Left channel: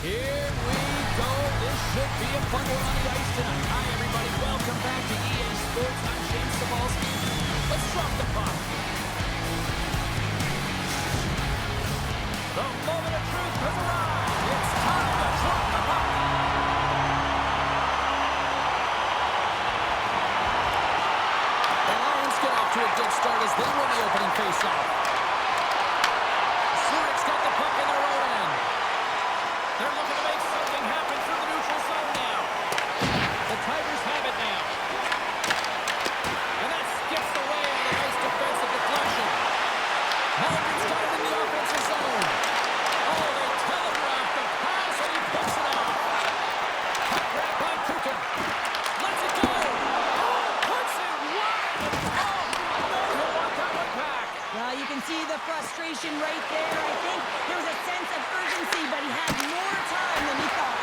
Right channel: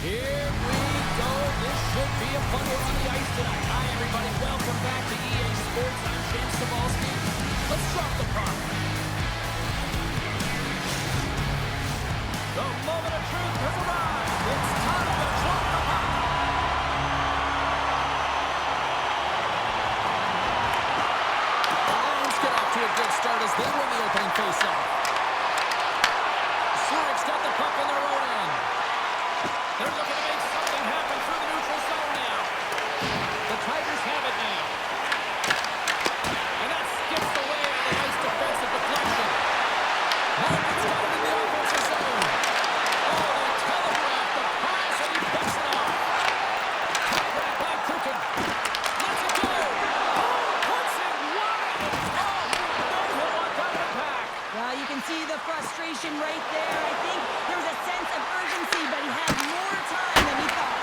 Here we go. This should be a fun one on the ice tonight. Hi, everybody. Welcome back to EA Sports. I'm James Cebulski. Let's drop the puck. The moment of truth has arrived. It's time to drop the puck. The Lions get off to a good start as they win the opening faceoff. Zurich's got the puck in their own end. They're looking to make something happen through the neutral zone now. The Tigers have it now. And that skips away on the nice defensive deflection. Malkin's got it in the offensive zone. Oh, they telegraphed the pass, and he picks it off. Puck grab by Kukin. Lets it go. Oh, puts it wide. Oh, no, he'll want that one back. Well, you can see the frustration right there. I think there was a sense of urgency, but he had more time than he thought.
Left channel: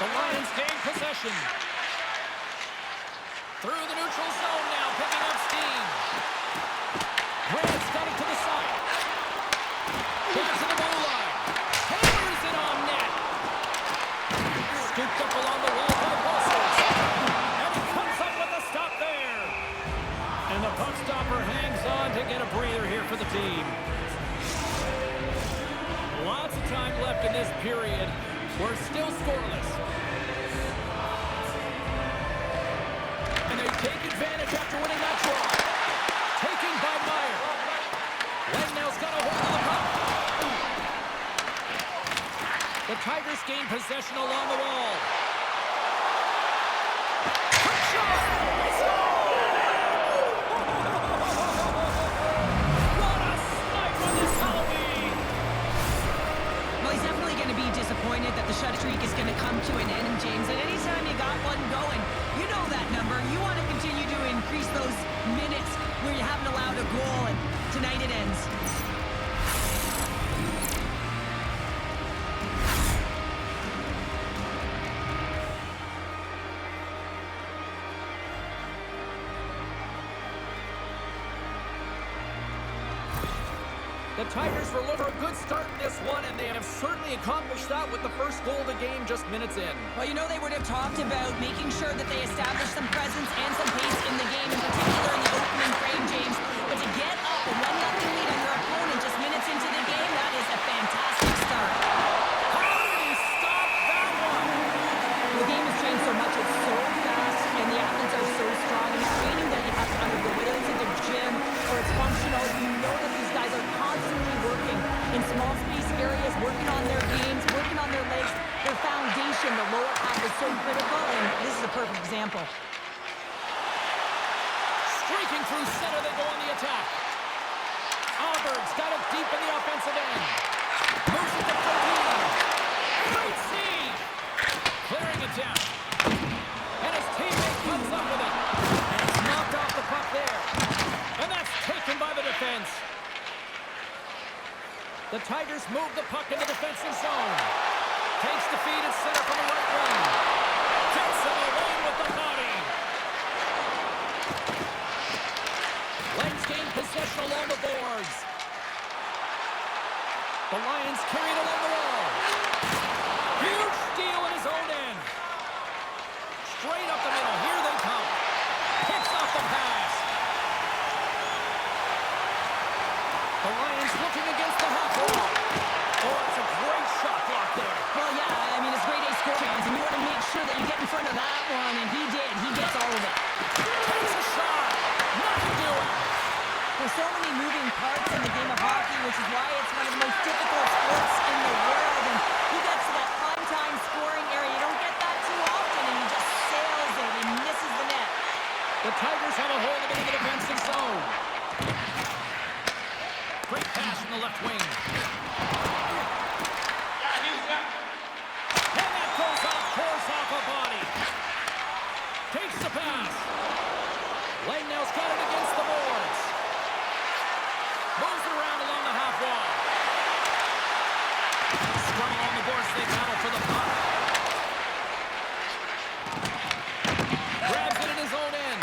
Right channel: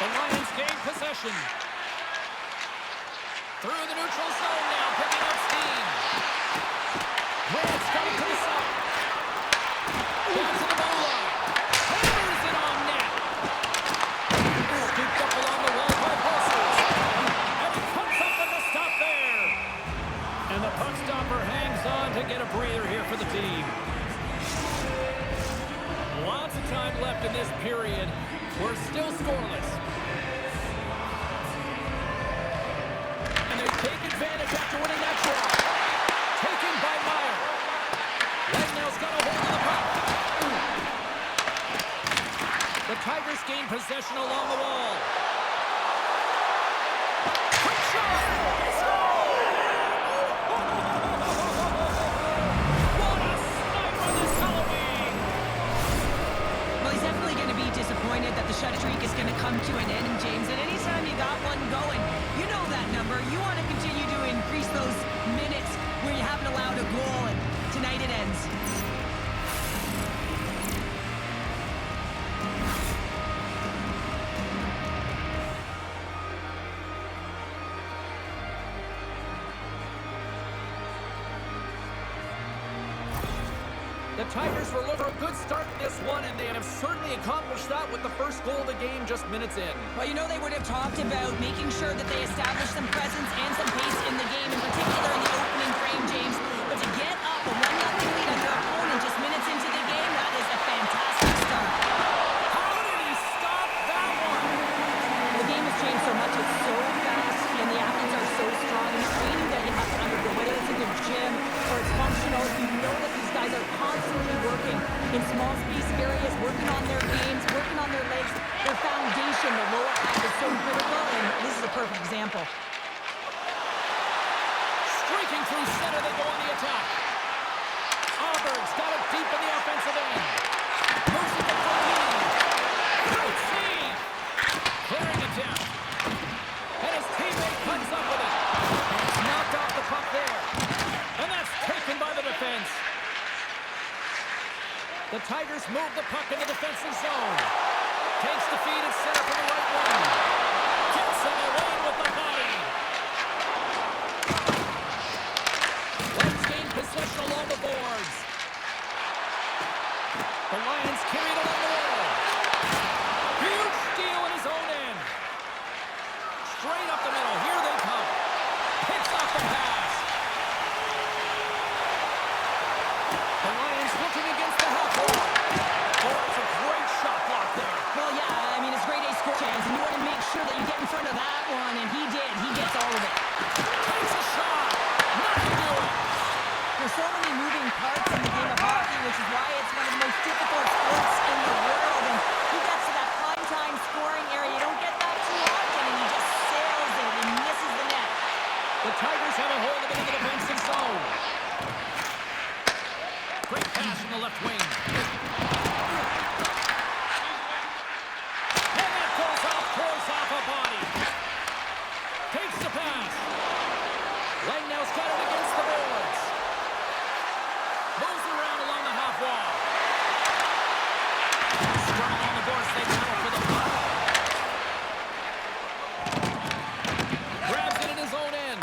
The Lions gain possession. Through the neutral zone now, picking up steam. Grant's got it to the side. Down to the goal line. Hammers it on net. Scooped up along the wall by Pulsers. And he comes up with a stop there. And the puck stopper hangs on to get a breather here for the team. Lots of time left in this period. We're still scoreless. And they take advantage after winning that draw. Taken by Meyer. Langnell's got a hold of the puck. The Tigers gain possession along the wall. Quick shot! They score! What a snipe on this Halloween! Well, he's definitely going to be disappointed that the shut streak is going to come to an end, James. And anytime you got one going, you know that number. You want to continue to increase those minutes where you haven't allowed a goal, and tonight it ends. The Tigers were looking for a good start in this one, and they have certainly accomplished that with the first goal of the game just minutes in. Well, you know they would have talked about making sure that they established some presence and some pace in the game, in particular in the opening frame, James. But to get up a 1-0 lead on your opponent just minutes into the game, that is a fantastic start. How did he stop that one? The game has changed so much. It's so fast, and the athletes are so strong. And the training that you have to undergo, whether it's in the gym or it's functional, you know that these guys are constantly working in small space areas, working on their games, working on their legs. Their foundation, the lower half, is so critical, and this is a perfect example. Streaking through center, they go on the attack. Auburn's got it deep in the offensive end. Moves it to 14. Great save. Clearing it down. And his teammate comes up with it. And it's knocked off the puck there. And that's taken by the defense. The Tigers move the puck in the defensive zone. Takes the feed at center from the right wing. Gets in the lane with the body. Lions gain possession along the boards. The Lions carry it along the wall. Huge steal in his own end. Straight up the middle. Here they come. Picks off the pass. The Lions looking against the half wall. Oh, it's a great shot block there. Well, yeah, I mean, it's grade A score chance, and you want to make sure that you get in front of that one, and he did. He gets all of it. Takes a shot. Nothing doing. There's so many moving parts in the game of hockey, which is why it's one of the most difficult sports in the world, and he gets to that prime time scoring area. You don't get that too often, and he just sails it and misses the net. The Tigers have a hold of it in the defensive zone. Great pass from the left wing. And that goes off, pours off a body. Takes the pass. Langnell's got it against the boards. Moves it around along the half wall. Scrum along the boards, they battle for the puck. Grabs it in his own end.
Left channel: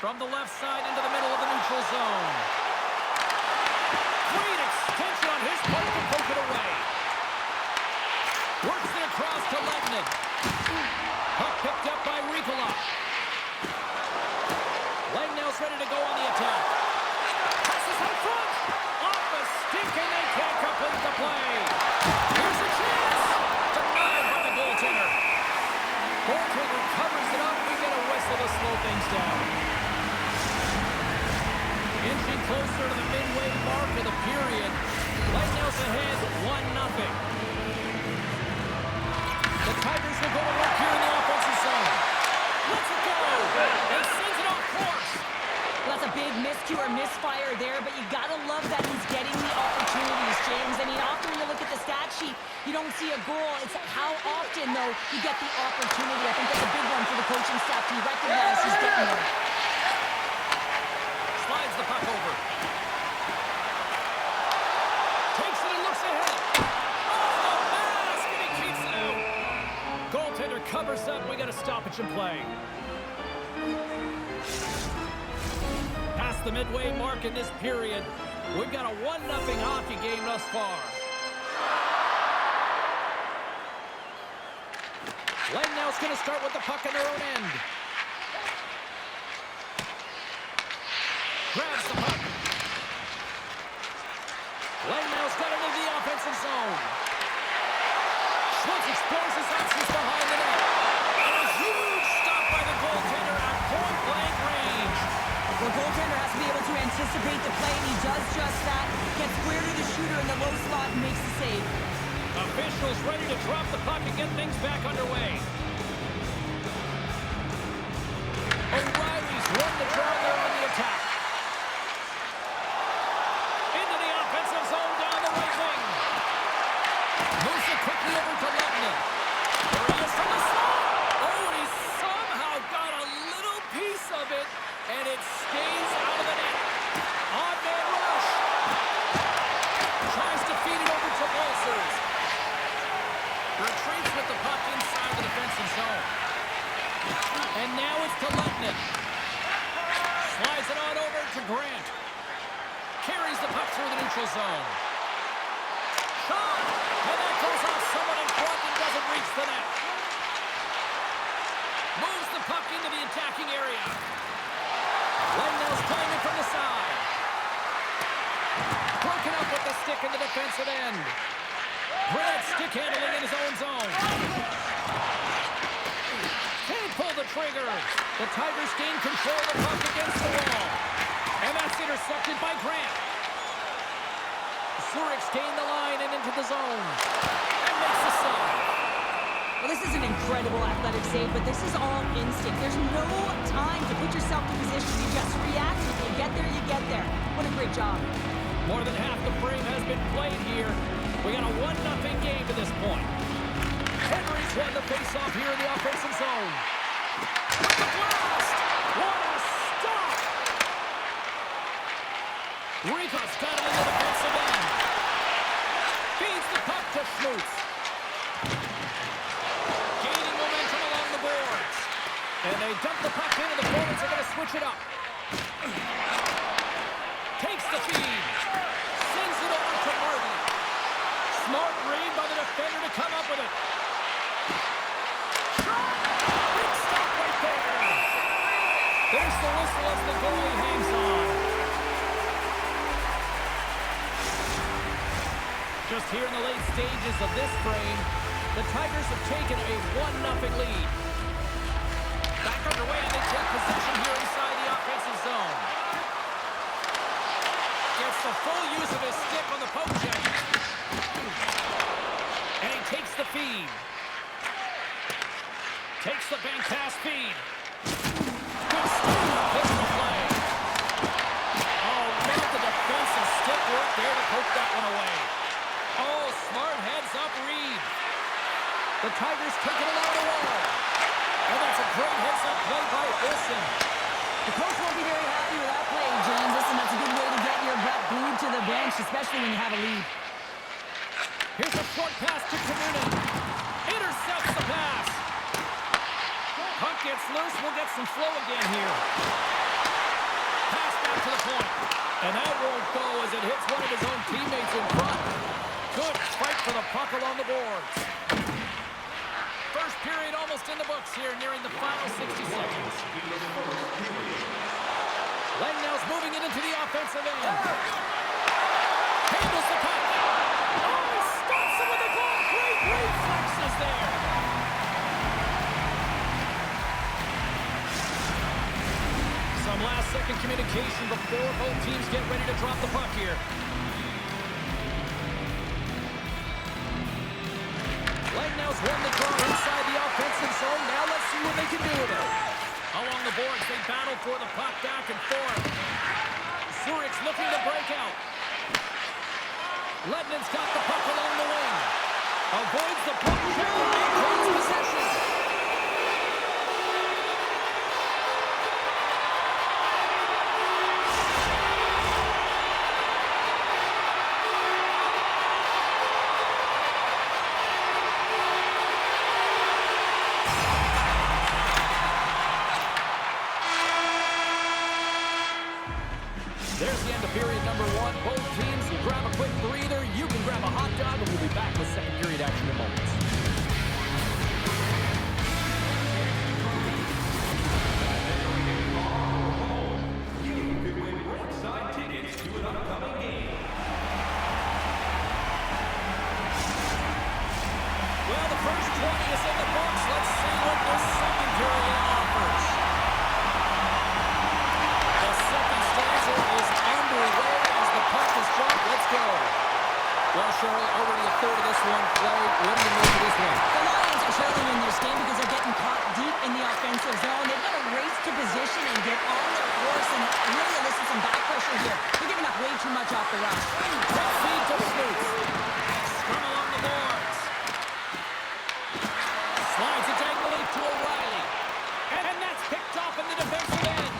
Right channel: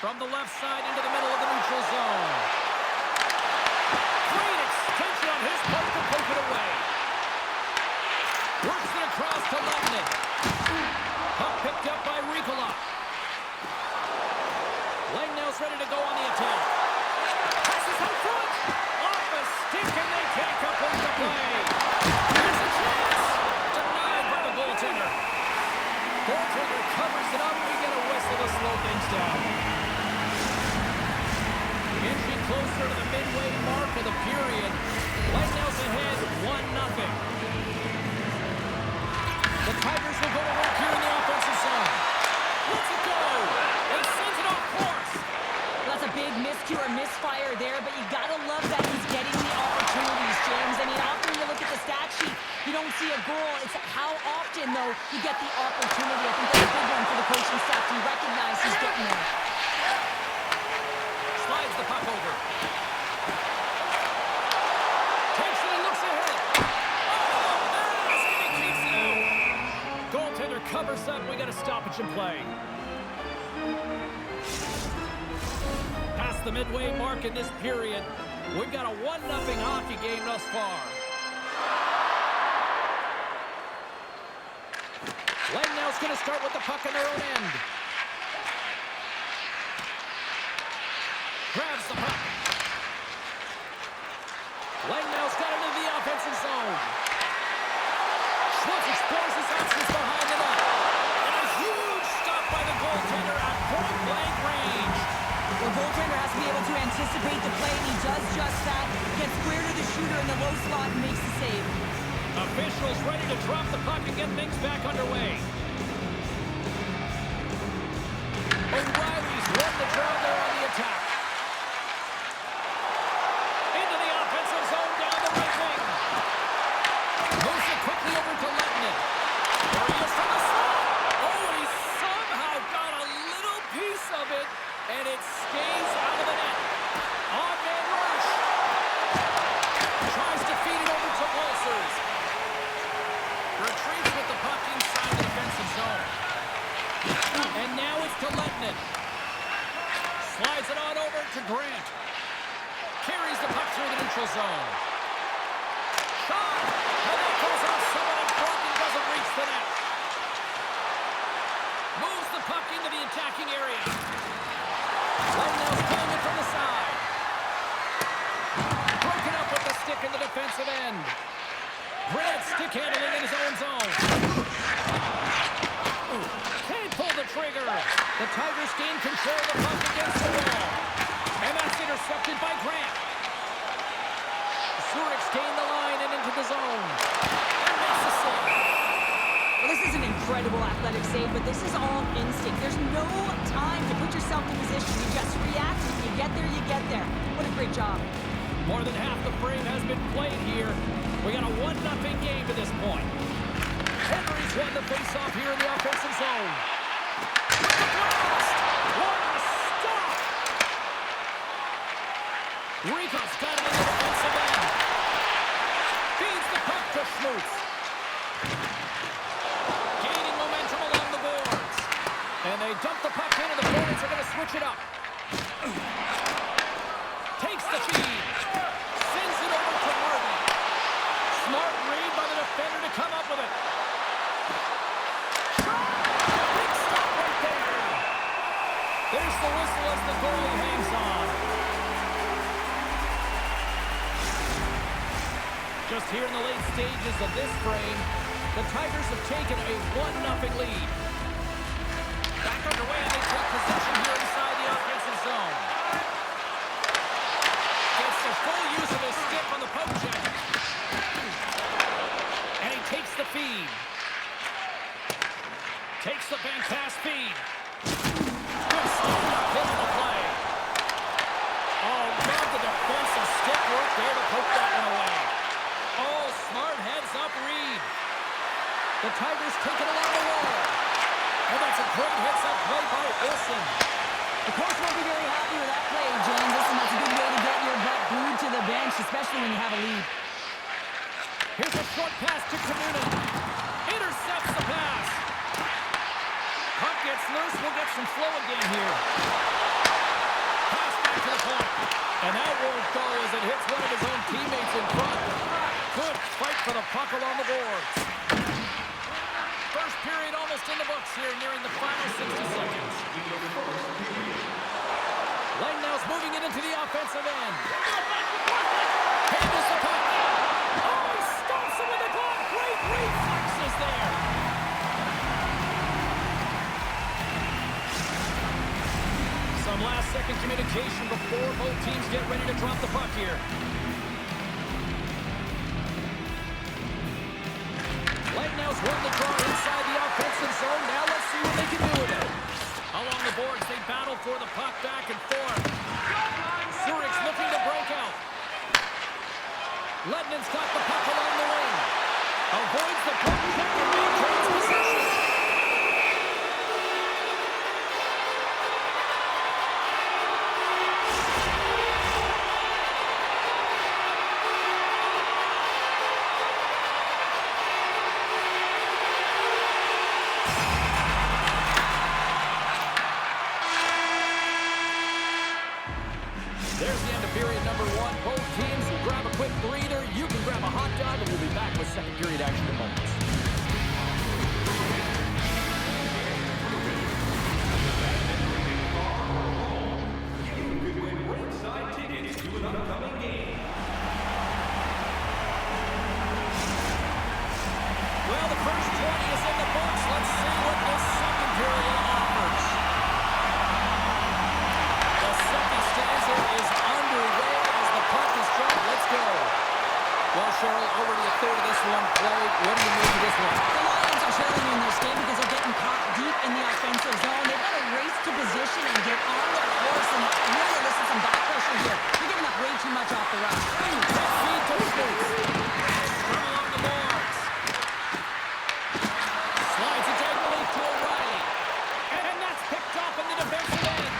From the left side into the middle of the neutral zone. Great extension on his part to poke it away. Lehtinen. Puck picked up by Riikola. Langnell's ready to go on the attack. Passes out front. Off a stick, and they can't complete the play. Here's a chance. Denied by the goaltender. Goaltender covers it up. We get a whistle to slow things down. Inching closer to the midway mark of the period. Langnell's ahead 1-0. The Tigers will go to work here in the offensive zone. Let's it go. And sends it off course. That's a big miscue or misfire there, but you gotta love that he's getting the opportunities, James. I mean, often when you look at the stat sheet, you don't see a goal. It's how often, though, you get the opportunity. I think that's a big one for the coaching staff to recognize he's getting there. Slides the puck over. Takes it and looks ahead. Off the mask, and he keeps it out. Goaltender covers up. We got a stoppage in play. Past the midway mark in this period. We've got a 1-0 hockey game thus far. Langnell's going to start with the puck in their own end. Grabs the puck. Langnell's got it into the offensive zone. Schmutz explores his options behind the net. And a huge stop by the goaltender at point-blank range. Well, goaltender has to be able to anticipate the play, and he does just that. Gets square to the shooter in the low slot and makes the save. Officials ready to drop the puck and get things back underway. O'Reilly's won the draw there on the attack. Into the offensive zone down the right wing. Moves it quickly over to Lehtinen. There he is from the slot. Oh, and he somehow got a little piece of it, and it stays out of the net. Odd man rush. Tries to feed it over to Walsers. Retreats with the puck inside the defensive zone. And now it's to Lehtinen. Slides it on over to Grant. Carries the puck through the neutral zone. Shot! And that goes off someone in front and doesn't reach the net. Moves the puck into the attacking area. Langnell's playing it from the side. Broken up with the stick in the defensive end. Grant stick handling in his own zone. Can't pull the trigger. The Tigers gain control of the puck against the wall. And that's intercepted by Grant. Zurich's gained the line and into the zone. And makes the save. Well, this is an incredible athletic save, but this is all instinct. There's no time to put yourself in position. You just react. If you get there, you get there. What a great job. More than half the frame has been played here. We got a 1-0 game to this point. Henry's won the faceoff here in the offensive zone. With the blast! What a stop! Rico's got it in the defensive end. Feeds the puck to Schmutz. Gaining momentum along the boards. And they dump the puck in, and the forwards are going to switch it up. Takes the feed. Sends it over to Marty. Smart read by the defender to come up with it. Shot! Big stop right there. There's the whistle as the goalie hangs on. Just here in the late stages of this frame, the Tigers have taken a 1-0 lead. Back underway, and they take possession here inside the offensive zone. Gets the full use of his stick on the poke check. And he takes the feed. Takes the bank pass feed. Good stand-up pistol play. Oh, love the defensive stick work there to poke that one away. Oh, smart heads-up read. The Tigers take it along the wall. And that's a great heads-up play by Olsen. The coach won't be very happy with that play, James. Listen, that's a good way to get your butt glued to the bench, especially when you have a lead. Here's a short pass to Kanunen. Intercepts the pass. Puck gets loose. We'll get some flow again here. Pass back to the point. And that won't go as it hits one of his own teammates in front. Good fight for the puck along the boards. From first period almost in the books here, nearing the final 60 seconds. Langnau's moving it into the offensive end. Handles the puck. Oh, he stops him with a glove. Great reflexes there. Some last-second communication before both teams get ready to drop the puck here. Langnau's won the draw inside the offensive zone. Now let's see what they can do with it. Along the boards, they battle for the puck back and forth. Zurich's looking to break out. Ledman's got the puck along the wing. Avoids the puck check and maintains possession. There's the end of period number one. Both teams will grab a quick breather. You can grab a hot dog, and we'll be back with second period action in moments. You could win ringside tickets to an upcoming game. Well, the first 20 is in the books. Let's see what this second period offers. The second stanza is underway as the puck is dropped. Let's go. Well, Cheryl, already a third of this one played. What do you make of this one? The Lions are trailing in this game because they're getting caught deep in the offensive zone. They've got to race to position and get on their course and really elicit some back pressure here. They're giving up way too much off the rush. Quick feed to Smooth. Scrum along the boards. Slides it diagonally to O'Reilly. And that's picked off in the defensive end.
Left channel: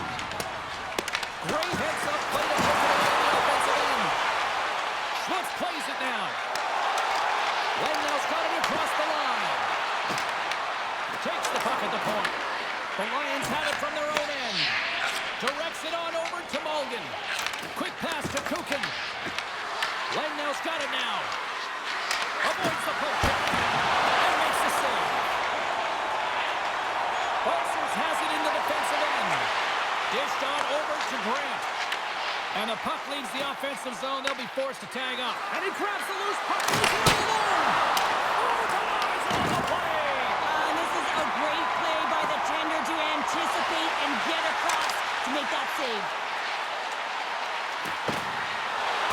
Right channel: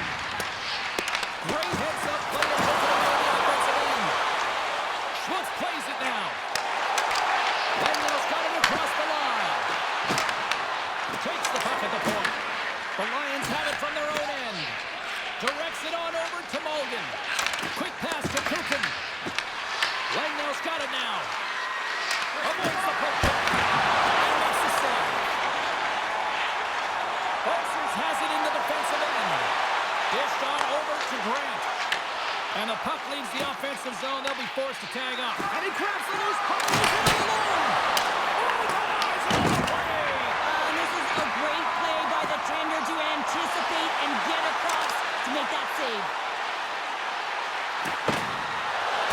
Great heads-up play to poke it away in the offensive end. Schmutz plays it now. Langnau's got it across the line. Takes the puck at the point. The Lions have it from their own end. Directs it on over to Mulligan. Quick pass to Kukin. Langnau's got it now. Avoids the poke check. And makes the save. Bolsers has it in the defensive end. Dished on over to Grant. And the puck leaves the offensive zone. They'll be forced to tag up. And he grabs the loose puck. He's in alone. Oh, denies on the play. And this is a great play by the tender to anticipate and get across to make that save.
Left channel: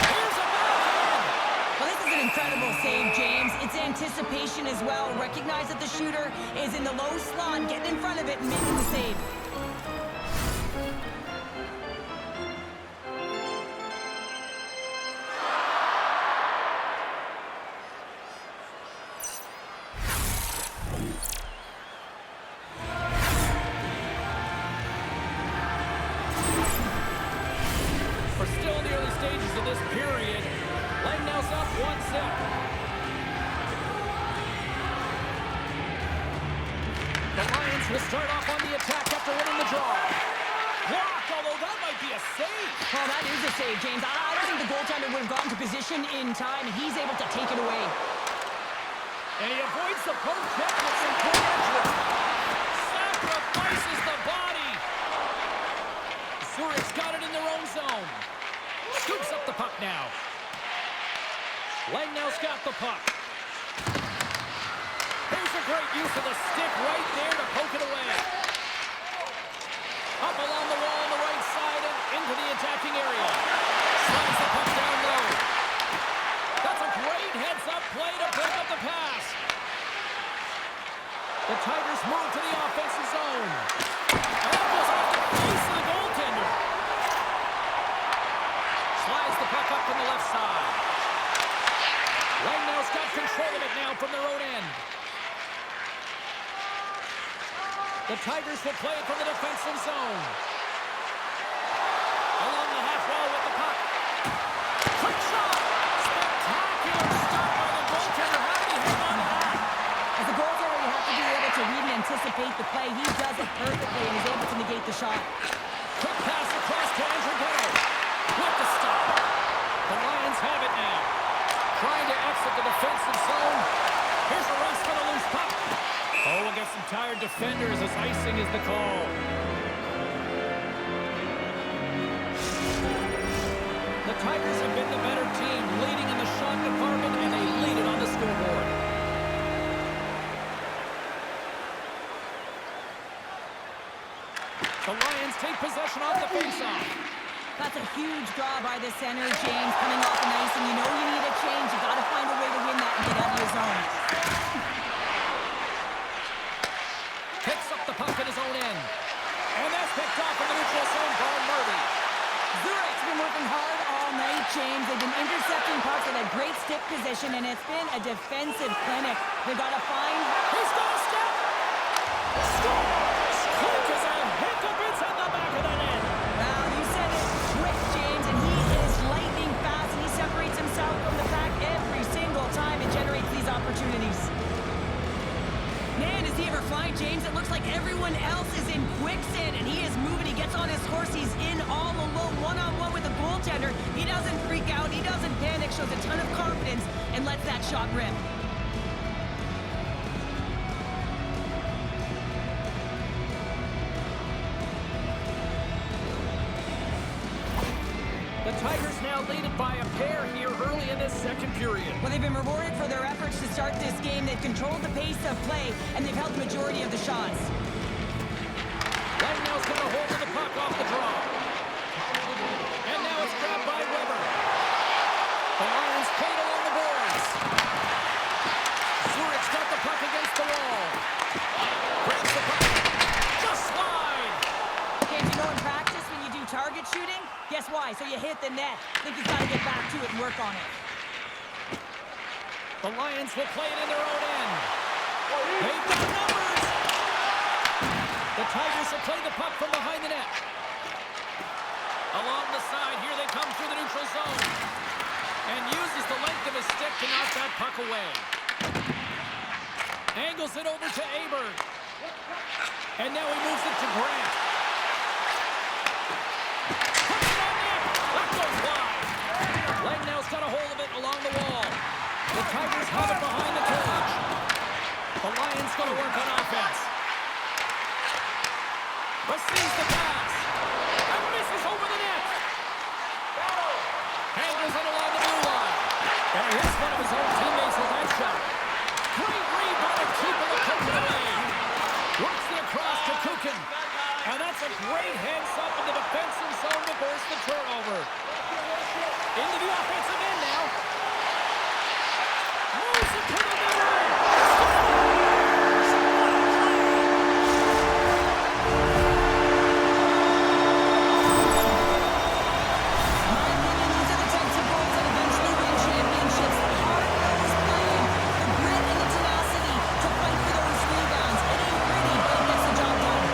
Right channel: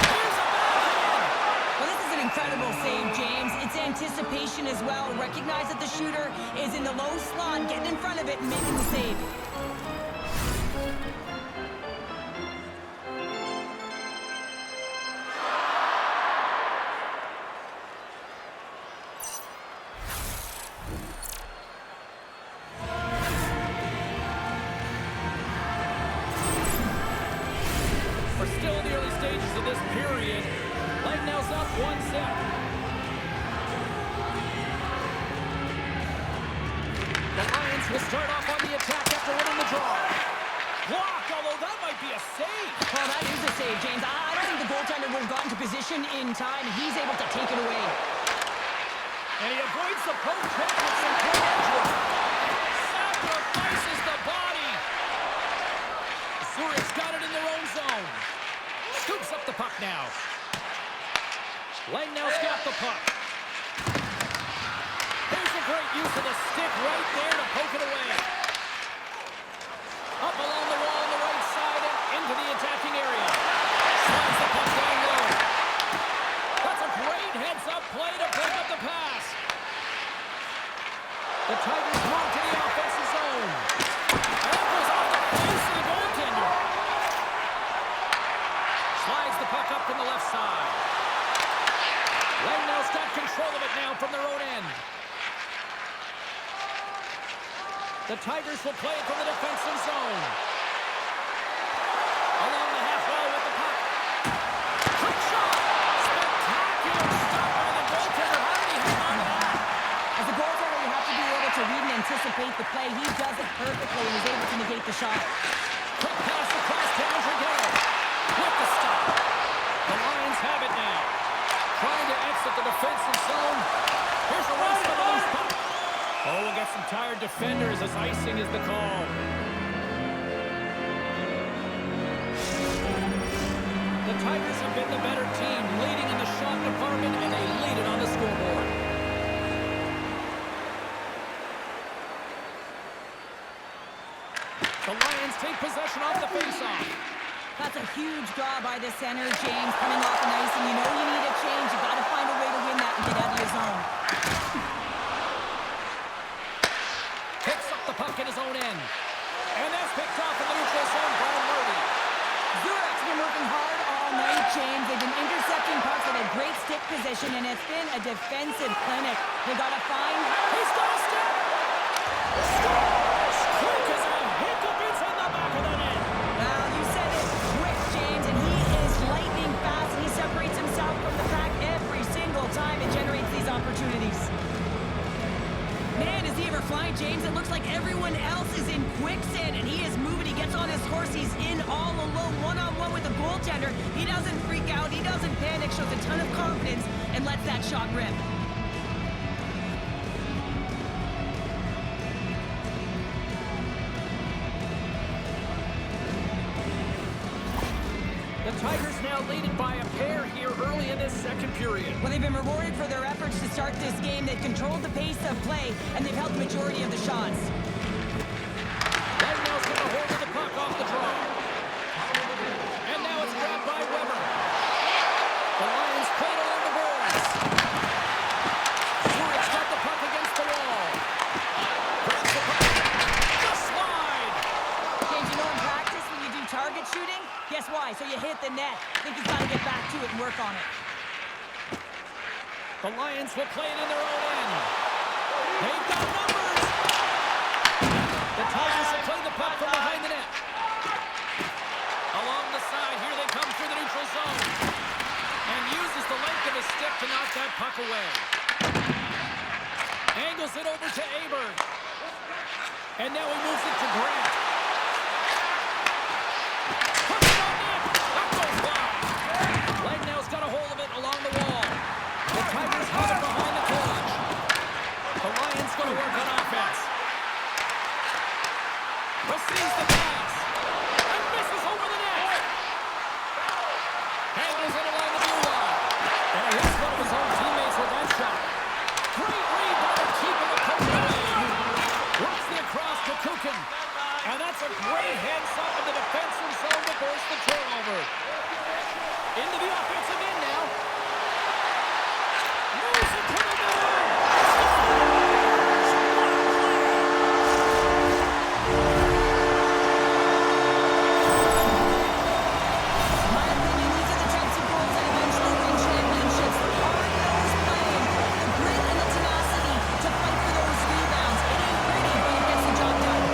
Here's a backhand. Well, this is an incredible save, James. It's anticipation as well. Recognize that the shooter is in the low slot, getting in front of it and making the save. We're still in the early stages of this period. Langnau's up 1-0. The Lions will start off on the attack after winning the draw. Blocked, although that might be a save. Well, that is a save, James. I don't think the goaltender would have gotten to position in time. He's able to take it away. And he avoids the poke check with some good edge work. Sacrifices the body. Zurich's got it in their own zone. Scoops up the puck now. Langnau's got the puck. Here's a great use of the stick right there to poke it away. Up along the wall on the right side and into the attacking area. Slides the puck down low. That's a great heads-up play to break up the pass. The Tigers move to the offensive zone. And that goes off the face of the goaltender. Slides the puck up from the left side. Langnau's got control of it now from their own end. The Tigers will play it from the defensive zone. Along the half wall with the puck. Quick shot! Spectacular stop by the goaltender. How did he hang on to that? As a goaltender, you have to be able to read and anticipate the play. He does it perfectly and is able to negate the shot. Quick pass across to Andrighetto. With the stop. The Lions have it now. Trying to exit the defensive zone. Here's a race for the loose puck. Oh, we'll get some tired defenders as icing is the call. The Tigers have been the better team, leading in the shot department, and they lead it on the scoreboard. The Lions take possession off the faceoff. That's a huge draw by the center, James, coming off the ice, and you know you need a change. You got to find a way to win that and get out of your zone. Picks up the puck in his own end. And that's picked off in the neutral zone by Murphy. Zurich's been working hard all night, James. They've been intercepting pucks at a great stick position, and it's been a defensive clinic. They got to find... He's got a step! Scores! Quick as a hiccup, it's in the back of the net. Well, you said it, quick, James, and he is lightning fast, and he separates himself from the pack every single time and generates these opportunities. Man, is he ever flying, James? It looks like everyone else is in quicksand, and he is moving. He gets on his horse. He's in all alone, one-on-one with a goaltender. He doesn't freak out. He doesn't panic, shows a ton of confidence, and lets that shot rip. The Tigers now lead it by a pair here early in this second period. Well, they've been rewarded for their efforts to start this game. They've controlled the pace of play, and they've held the majority of the shots. Right now's got a hold of the puck off the draw. And now it's grabbed by Weber. The Lions played along the boards. Zurich's got the puck against the wall. Grabs the puck. Just slide. James, you know in practice when you do target shooting, guess why? So you hit the net. I think he's got to get back to it and work on it. The Lions will play it in their own end. They've got numbers. The Tigers will play the puck from behind the net. Along the side, here they come through the neutral zone. And uses the length of his stick to knock that puck away. Angles it over to Aberg. And now he moves it to Grant. Puts it on net. That goes wide. Langnau's got a hold of it along the wall. The Tigers have it behind the cage. The Lions going to work on offense. Receives the pass. And misses over the net. Angles it along the blue line. And he hits one of his own teammates with that shot. Great read by the keeper to poke it away. Works the across to Kukin. And that's a great heads-up in the defensive zone to force the turnover. Into the offensive end now. Moves it to the middle. Scores! What a play! In my opinion, these are the types of goals that eventually win championships. The hard-nosed playing, the grit and the tenacity to fight for those rebounds. It ain't pretty, but it gets the job done.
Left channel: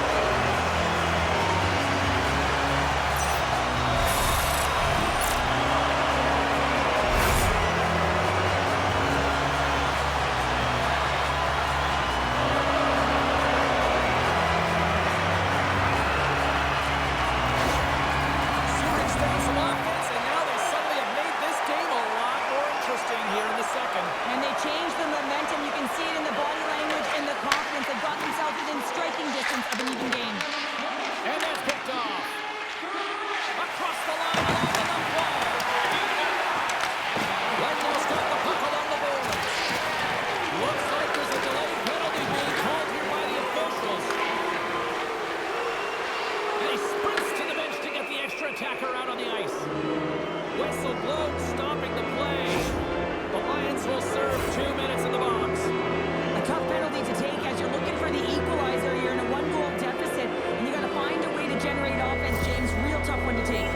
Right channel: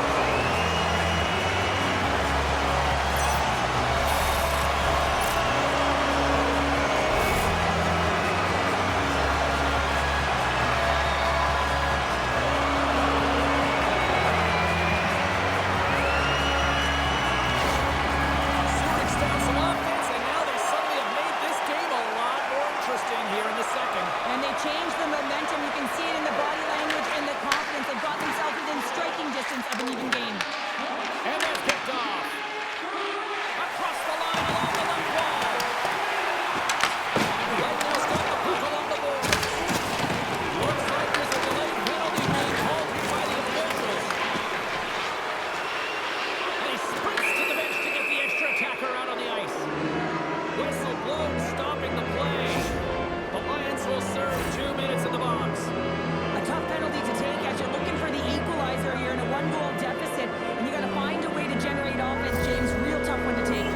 Zurich's down some offense, and now they suddenly have made this game a lot more interesting here in the second. And they changed the momentum. You can see it in the body language and the confidence. They've got themselves within striking distance of an even game. And that's picked off. Across the line along the left wall. Langnau's got the puck along the boards. Looks like there's a delayed penalty being called here by the officials. And he sprints to the bench to get the extra attacker out on the ice. Whistle blown, stopping the play. The Lions will serve 2 minutes in the box. A tough penalty to take as you're looking for the equalizer. You're in a one-goal deficit, and you got to find a way to generate offense, James. Real tough one to take.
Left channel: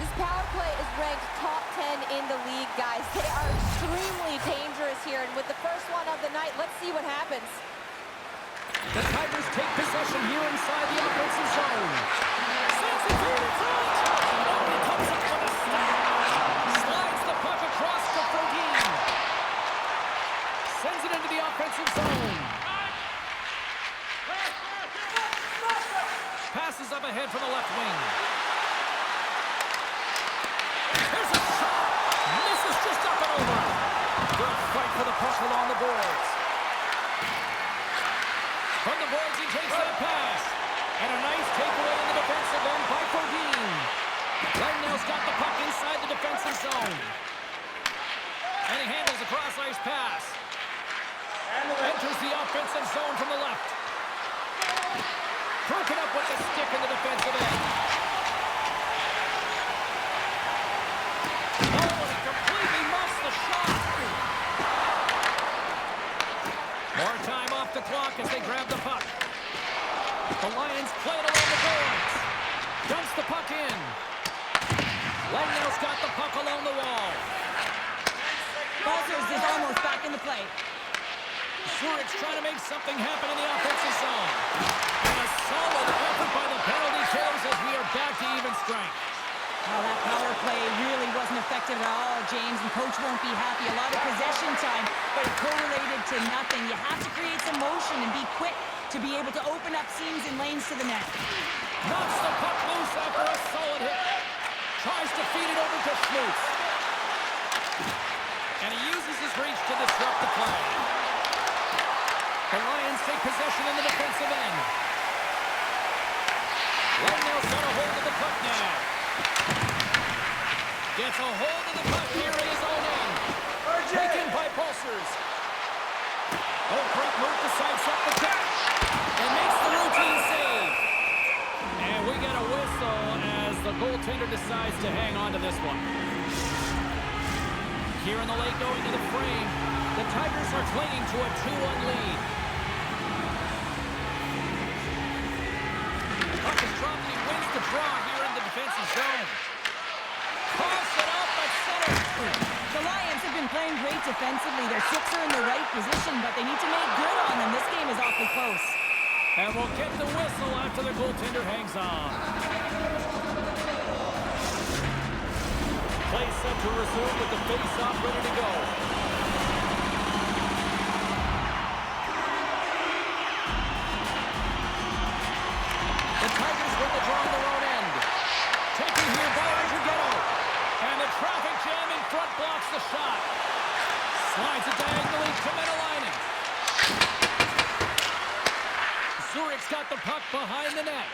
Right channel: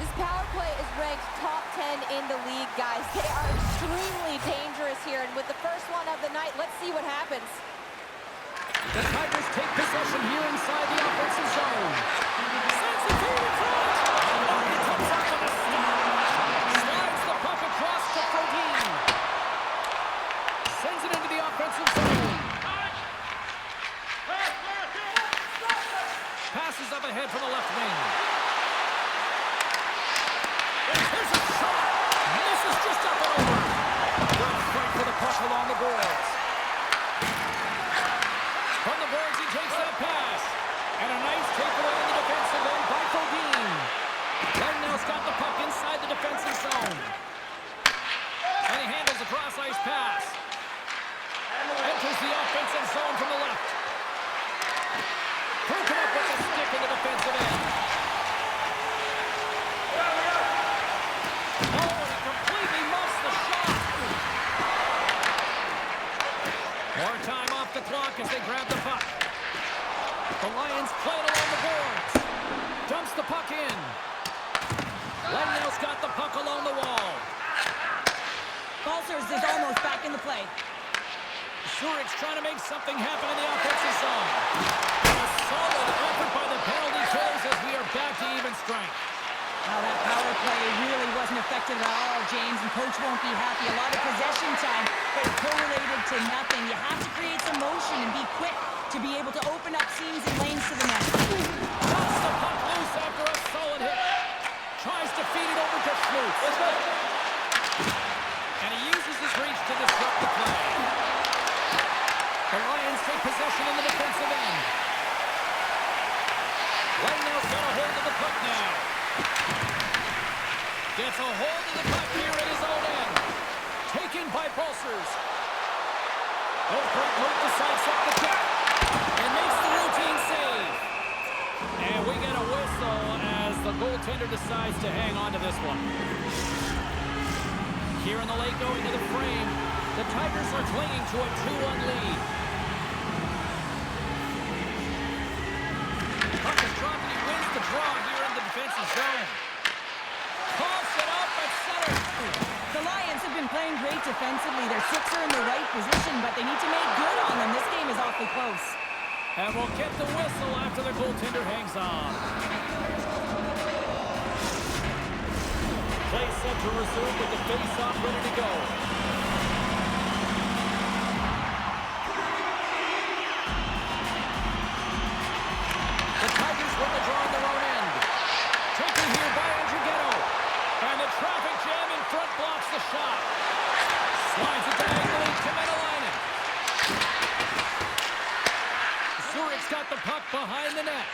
This power play is ranked top 10 in the league, guys. They are extremely dangerous here, and with the first one of the night, let's see what happens. The Tigers take possession here inside the offensive zone. Sends it feed in front. Oh, he comes up with a stop. Slides the puck across to Frodin. Sends it into the offensive zone. Passes up ahead from the left wing. Here's a shot. Misses just up and over. Good fight for the puck along the boards. From the boards, he takes that pass. And a nice takeaway in the defensive end by Fodine. Legnell's got the puck inside the defensive zone. And he handles a cross-ice pass. Enters the offensive zone from the left. Broken up with the stick in the defensive end. Oh, and he completely muffs the shot. More time off the clock as they grab the puck. The Lions play it along the boards. Dumps the puck in. Legnell's got the puck along the wall. Balters is almost back in the play. Zurich's trying to make something happen in the offensive zone. And a solid effort by the penalty killers as we are back to even strength. Well, that power play really wasn't effective at all, James, and coach won't be happy. A lot of possession time, but it correlated to nothing. You have to create some motion and be quick to be able to open up seams and lanes to the net. Knocks the puck loose after a solid hit. Tries to feed it over to Schmutz. And he uses his reach to disrupt the play. The Lions take possession in the defensive end. Legnell's got a hold of the puck now. Gets a hold of the puck here at his own end. Taken by Pulsers. Oh, great move to sidestep the catch. And makes the routine save. And we get a whistle as the goaltender decides to hang on to this one. Here in the late going to the frame, the Tigers are clinging to a 2-1 lead. Puck is dropped and he wins the draw here in the defensive zone. Coughs it up at center. The Lions have been playing great defensively. Their six are in the right position, but they need to make good on them. This game is awfully close. And we'll get the whistle after the goaltender hangs on. Play set to resume with the face-off ready to go. The Tigers win the draw on their own end. Taken here by Andrighetto. And the traffic jam in front blocks the shot. Slides it diagonally to Menelainen. Zurich's got the puck behind the net.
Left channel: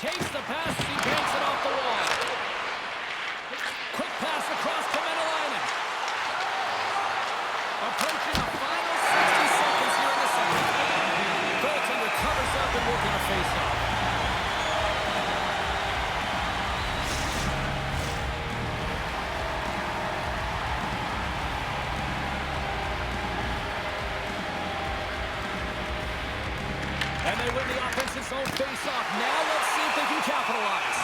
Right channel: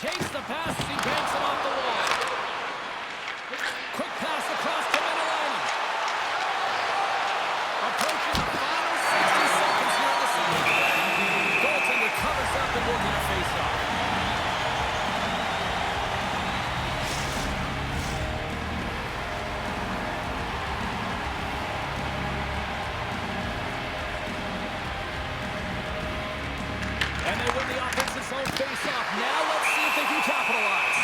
Takes the pass as he banks it off the wall. Quick pass across to Menelainen. Approaching the final 60 seconds here in the second. Goaltender covers up and we're going to face off. And they win the offensive zone face-off. Now let's see if they can capitalize.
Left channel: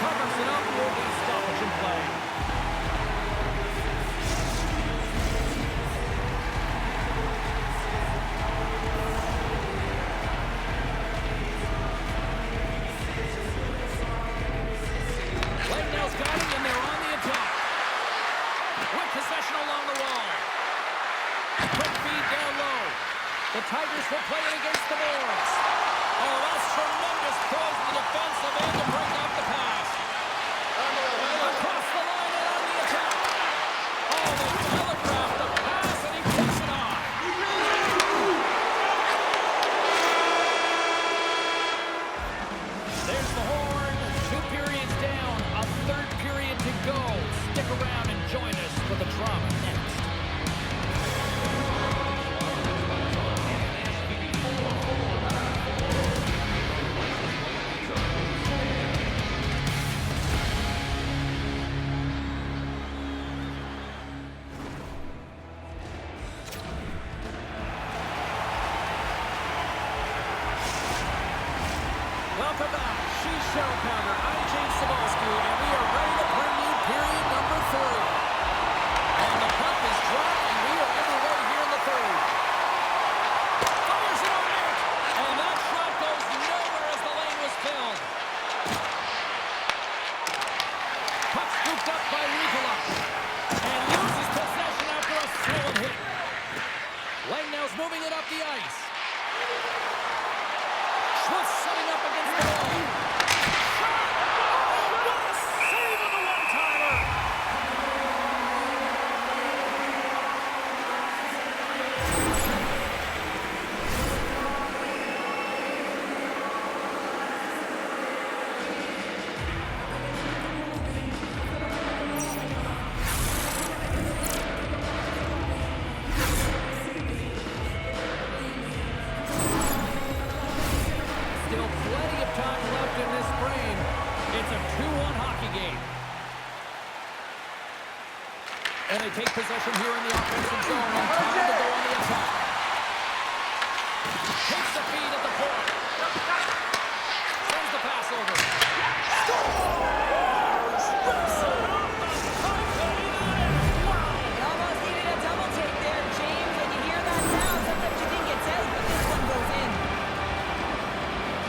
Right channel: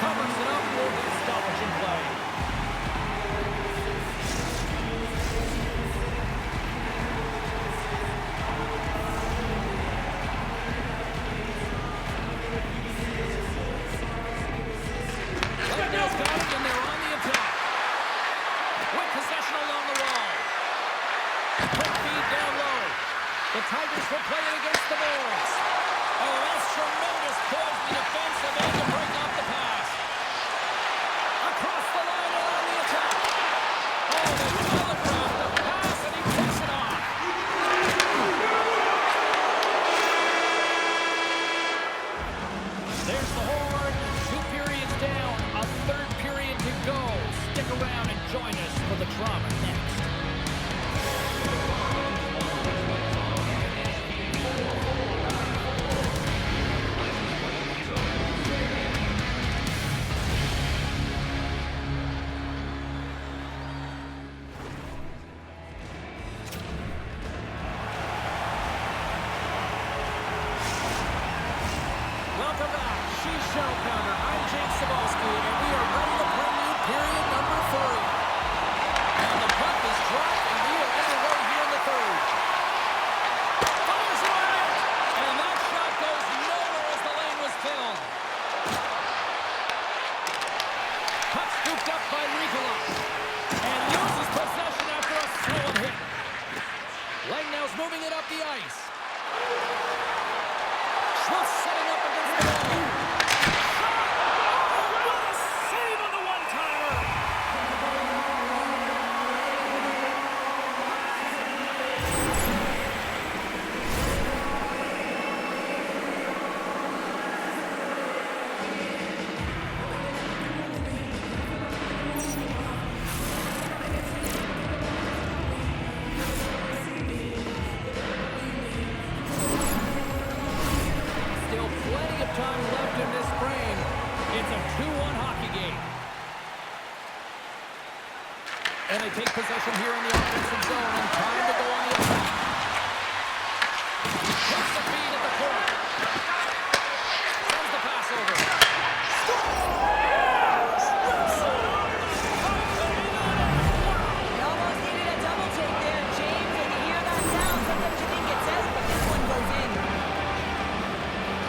Covers it up, will get stoppage in play. Legnell's got it, and they're on the attack. With possession along the wall. Quick feed down low. The Tigers will play it against the boards. Oh, that's tremendous poise in the defensive end to break off the pass. Across the line and on the attack. Oh, they telegraphed the pass and he takes it on. There's the horn. 2 periods down. A third period to go. Stick around and join us for the drama next. Welcome back. She's Cheryl Pounder. I'm James Cebulski, and we are ready to bring you period number 3. And the puck is dropped, and we are underway here in the third. Fires it on net, and that shot goes nowhere as the lane was filled. Puck scooped up by Ricola, and loses possession after a solid hit. Legnell's moving it up the ice. Schmutz setting up against the wall. Shot! Oh, what a save plenty of time left in this frame. It's a 2-1 hockey game. And they take possession here in the offensive zone, and time to go on the attack. Takes the feed at the point. Sends the pass over. Scores! Rips it off the puck and into the net. Wow! You almost needed a double take there, James. When you hear that sound, sometimes you think it's out, but this one goes in.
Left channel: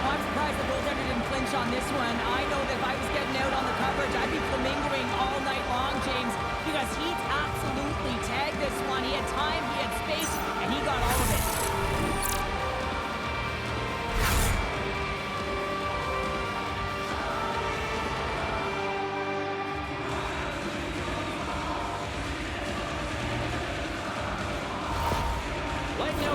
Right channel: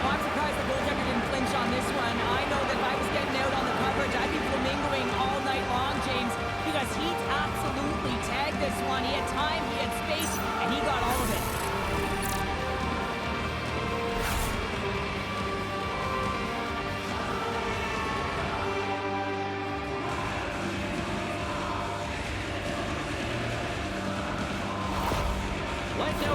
Well, I'm surprised the goaltender didn't flinch on this one. I know that if I was getting out on the coverage, I'd be flamingoing all night long, James, because he absolutely tagged this one. He had time, he had space, and he got all of it.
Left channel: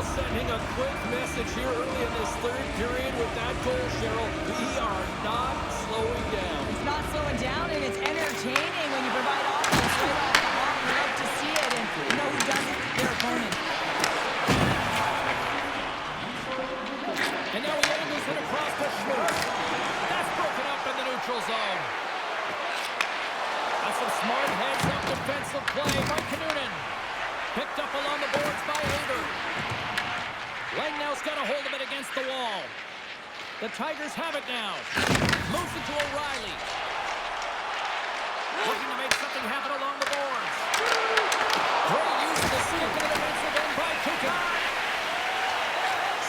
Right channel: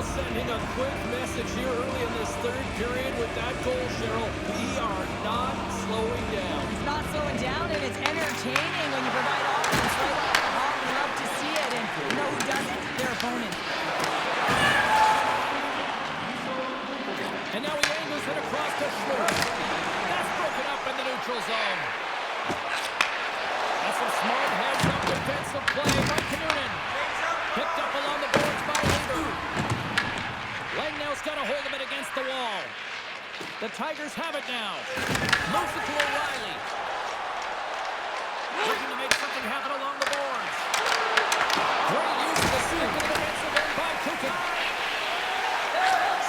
Sending a quick message here early in this third period with that goal, Cheryl. We are not slowing down. It's not slowing down, and it's entertaining when you provide offense right off the hop. We love to see it, and you know who does it? Their opponent. And now he angles it across the Schwartz. That's broken up in the neutral zone. That's some smart heads-up defensive play by Kinnunen. Picked up along the boards by Haber. Langnau's got a hold of it against the wall. The Tigers have it now. Moves it to O'Reilly. Looking to make something happen along the boards. Great use of the stick in the defensive end by Kukin.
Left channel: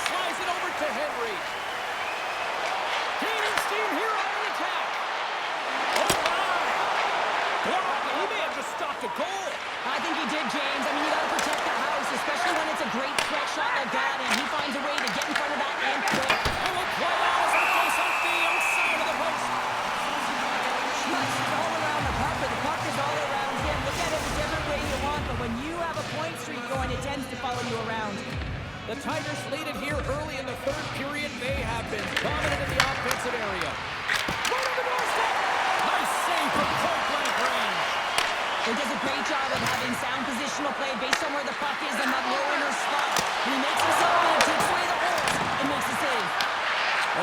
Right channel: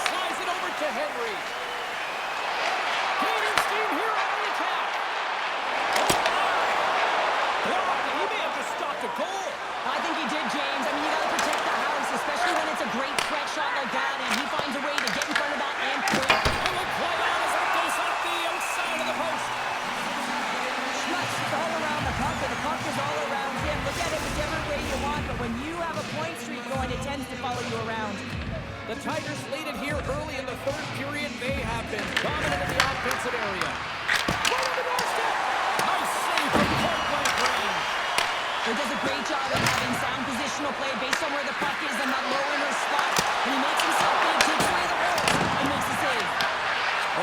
Slides it over to Henry. Gaining steam here on the attack. Oh, my. He may have just stopped a goal. I think he did, James. I mean, you got to protect the house, especially when it's a great threat shot like that, and he finds a way to get in front of that and quick. And we'll play on as that goes off the outside of the post. Schmutz is all around the puck, but the puck is all around him. Look at it whichever way you want, but when you have a point streak going, it tends to follow you around. The Tigers lead it here early in the third period. They have been dominant in the offensive area. Right on the doorstep. Nice save from point-blank range. He does a great job of having sound positional play based on where the puck is in that low inner slot. And he makes himself big, takes away the hole, and makes the save.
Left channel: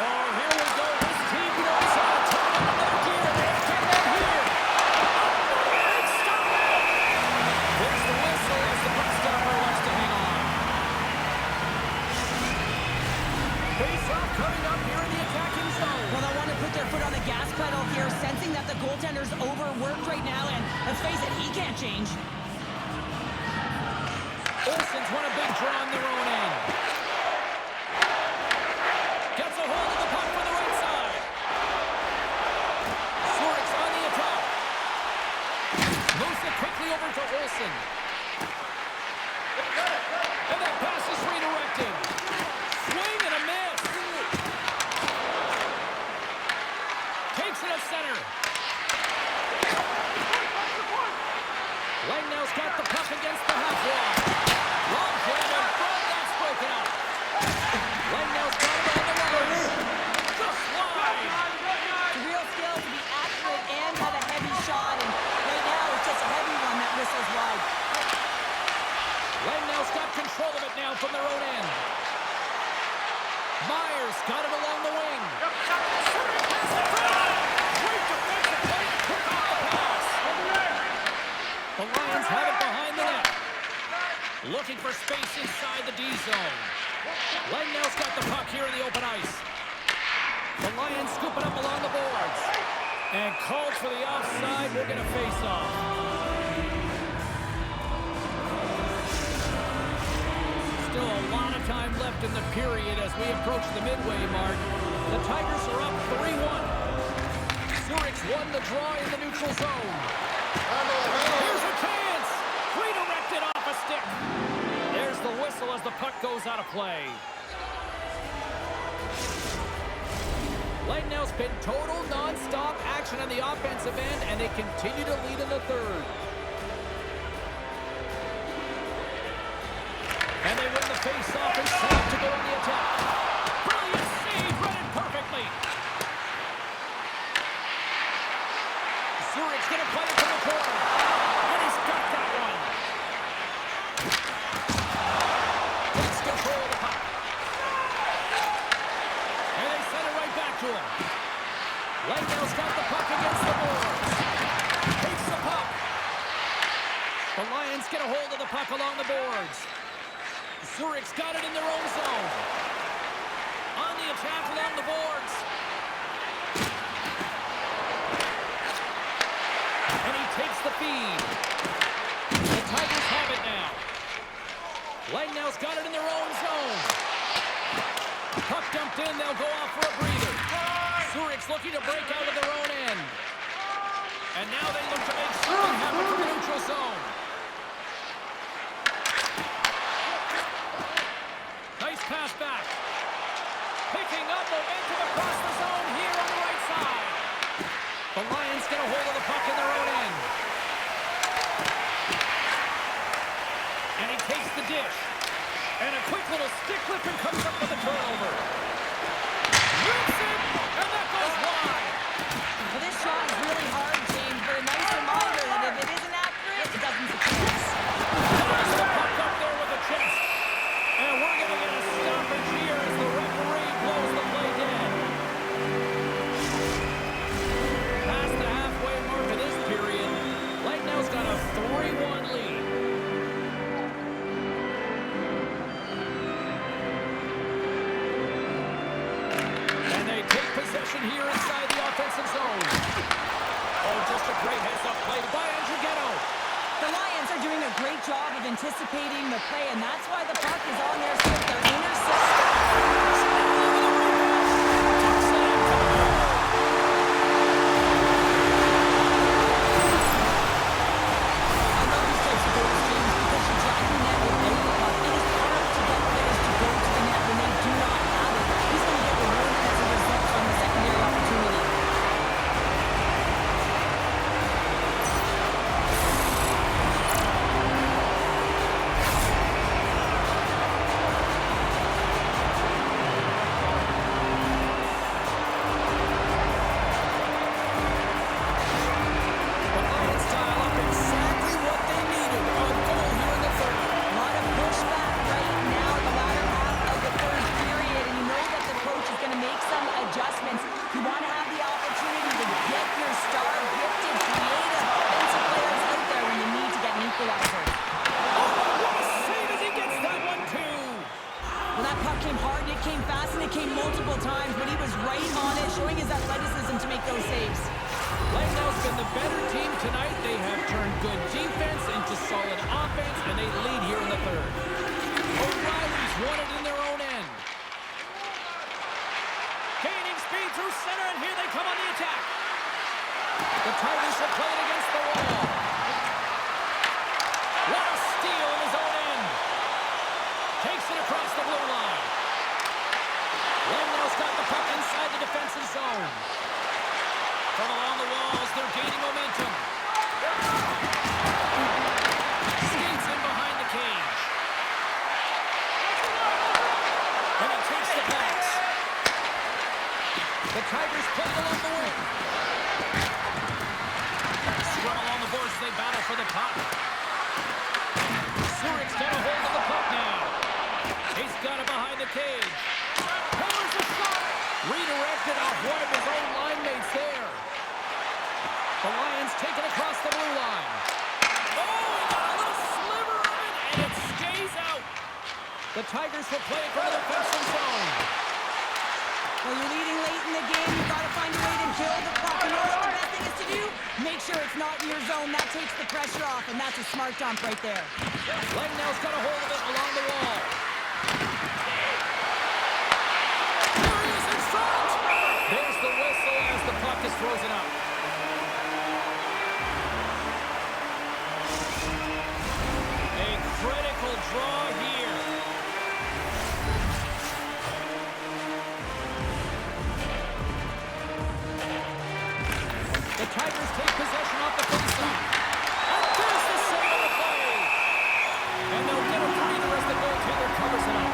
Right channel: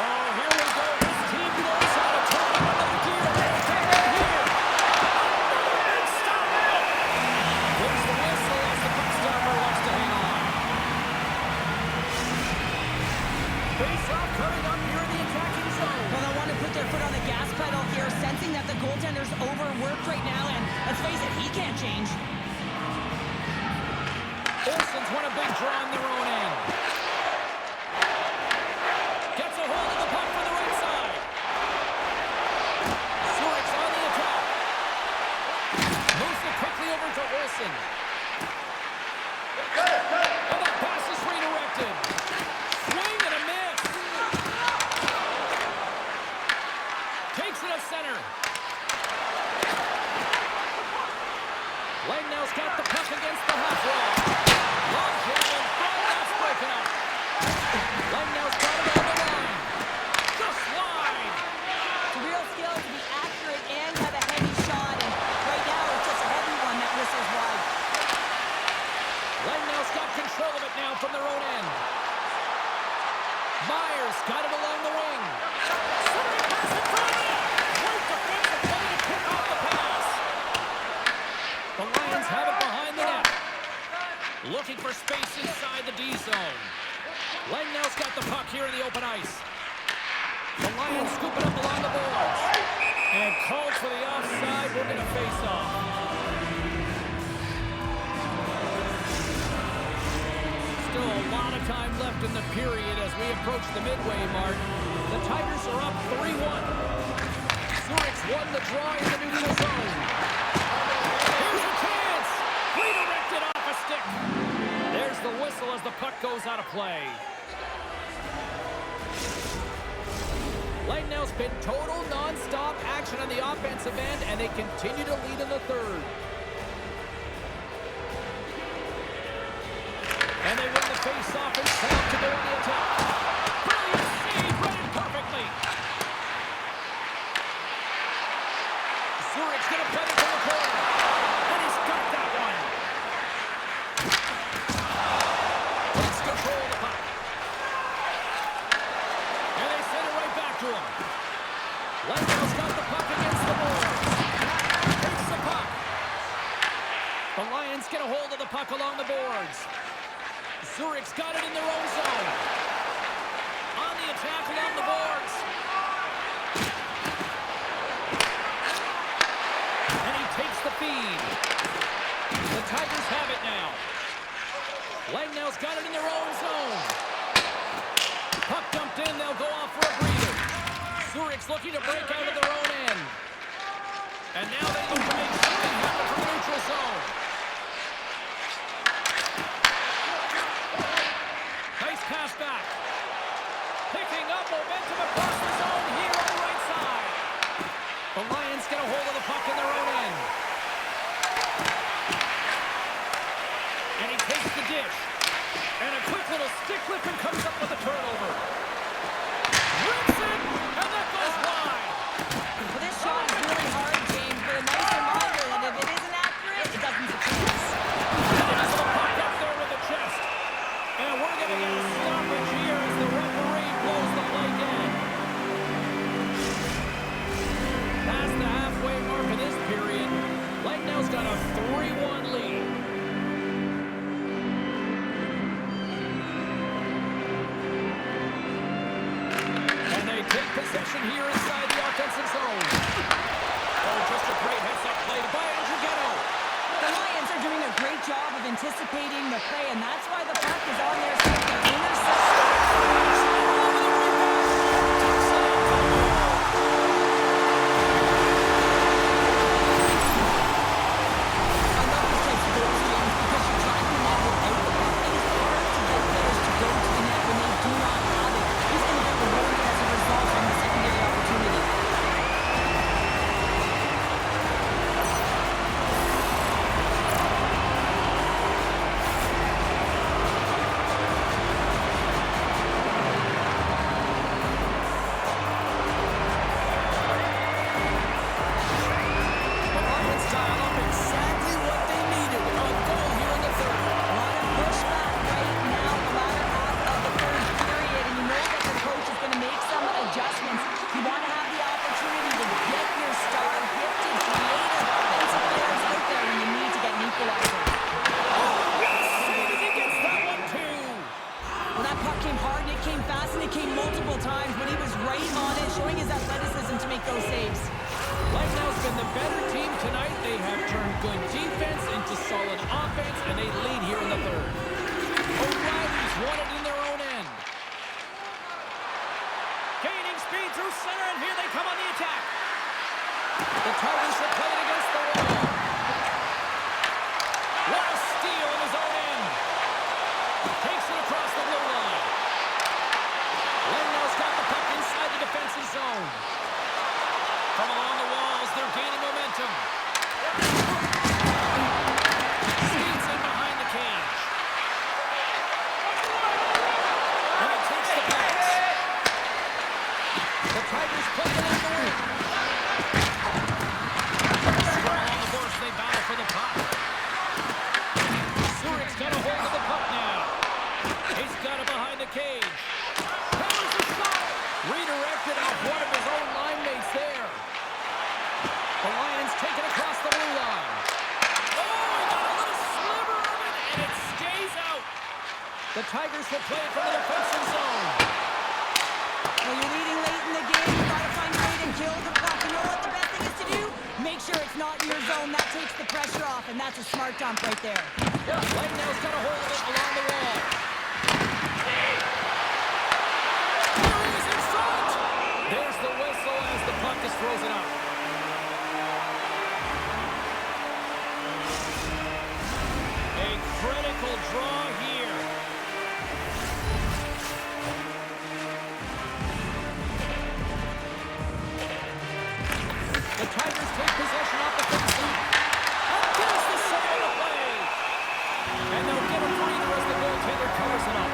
Oh, here we go. This team knows how to turn on another gear. They come in here. Stop it. There's the whistle as the puck stopper wants to hang on. Face-off coming up here in the attacking zone. Well, they want to put their foot on the gas pedal here, sensing that the goaltender's overworked right now, and let's face it, he can't change. Olsen's won a big draw on their own end. Gets a hold of the puck from the right side. Zurich's on the attack. Moves it quickly over to Olsen. And that pass is redirected. Swing and a miss. Takes it to center. Langnau's got the puck against the half wall. Long jam in front, that's broken up. Langnau's got it on the line. Just wide. It's a real skill to be accurate and have a heavy shot, and right now it's just a heavy one that whistles wide. Langnau's got control of it now from their own end. Myers got it along the wing. Centering pass in front. Great defensive play to pick off the pass. The Lions have it behind the net. Looking for space inside the D zone. Langnau's got the puck here in the open ice. The Lions scoop it up along the boards. And called for the offside. We're going to face off. Still a lot of time left in the period as we approach the midway mark. The Tigers are up 3-1. Zurich's won the draw in the neutral zone. Here's a chance! Redirected off a stick. There's the whistle as the puck goes out of play. Langnau's been total non-stop action on the offensive end, and they continue to lead in the third. And they win the face-off and set up to go on the attack. Brilliant save, read it perfectly. Zurich's going to play it to the corner. And he's got that one. Takes control of the puck. And they send it right back to him. them. Langell's got the puck against the boards. Takes the puck. The Lions get a hold of the puck along the boards. Zurich's got it in their own zone. On the attack along the boards. And he takes the feed. The Tigers have it now. Langnell's got it in their own zone. Puck dumped in, they'll go off for a breather. Zurich's looking to break out of their own end. And now they look to make something happen from the neutral zone. Nice pass back. Picking up momentum across the zone here on the right side. The Lions get a hold of the puck in their own end. And he takes the dish. And a quick little stick flipping comes up with a turnover. Rips it, and that goes wide. Well, this shot is really hard, James, but a nice reminder that if it isn't accurate, it doesn't have a chance. Toss the puck up there with the chest. And we're going to get a stoppage here as the referee blows the play dead. Past the halfway mark of this period, Langnell's got a 3-1 lead. And they take possession here inside the offensive zone. Oh, just a great heads-up play by Andrighetto. The Lions are doing a great job of anticipating the play, and that's why the puck is on their stick. They're intercepting. I love these types of goals, James, because you drag the net without the puck. It is hard to get players to go to the net when they do not have it. He's going to get rewarded as a result on the secondary opportunity. Adjustments. You want to have the opportunity to get your star, gifted, creative, offensive players out there when you need to get an equalizer. Oh, what a save as he gets that one, too. Well, that puck came hard, and it came fast, and it came multiple times, but he was right on it, showing his athleticism to make those saves. Langnell's been the better team tonight. They have turned good defense into solid offense, and they lead here in the third. O'Reilly's won it in their own end. Gaining speed through center, and here they come on the attack. The Tigers will play it against the wall. What a steal in his own end. Takes it across the blue line. Langnell's got the puck inside the defensive zone. From along the walls, they're gaining momentum. Skates in behind the cage. And he takes the pass. The Tigers play along the wing. Scrum along the boards, they battle for the puck. Zurich's got a hold of the puck now. He's got it behind the cage. Hammers the shot. Redirected off one of his own line mates there. The Lions take it across the blue line. Oh, he got a little sliver of it, and it stays out. The Tigers will play it from the defensive zone. Well, you're leading late in the game. You've got to find a way to kill the puck. You know what the best thing is to do? Make sure it's not in your zone. That takes the pressure off, and that's a smart dump right there. Langnell's got a hold of it along the wall. There he is in front. There's the whistle as the puck is frozen up. A critical draw here. The Tigers take possession off the faceoff. And there's the save on the play. And they'll get a breather as the goaltender covers it up.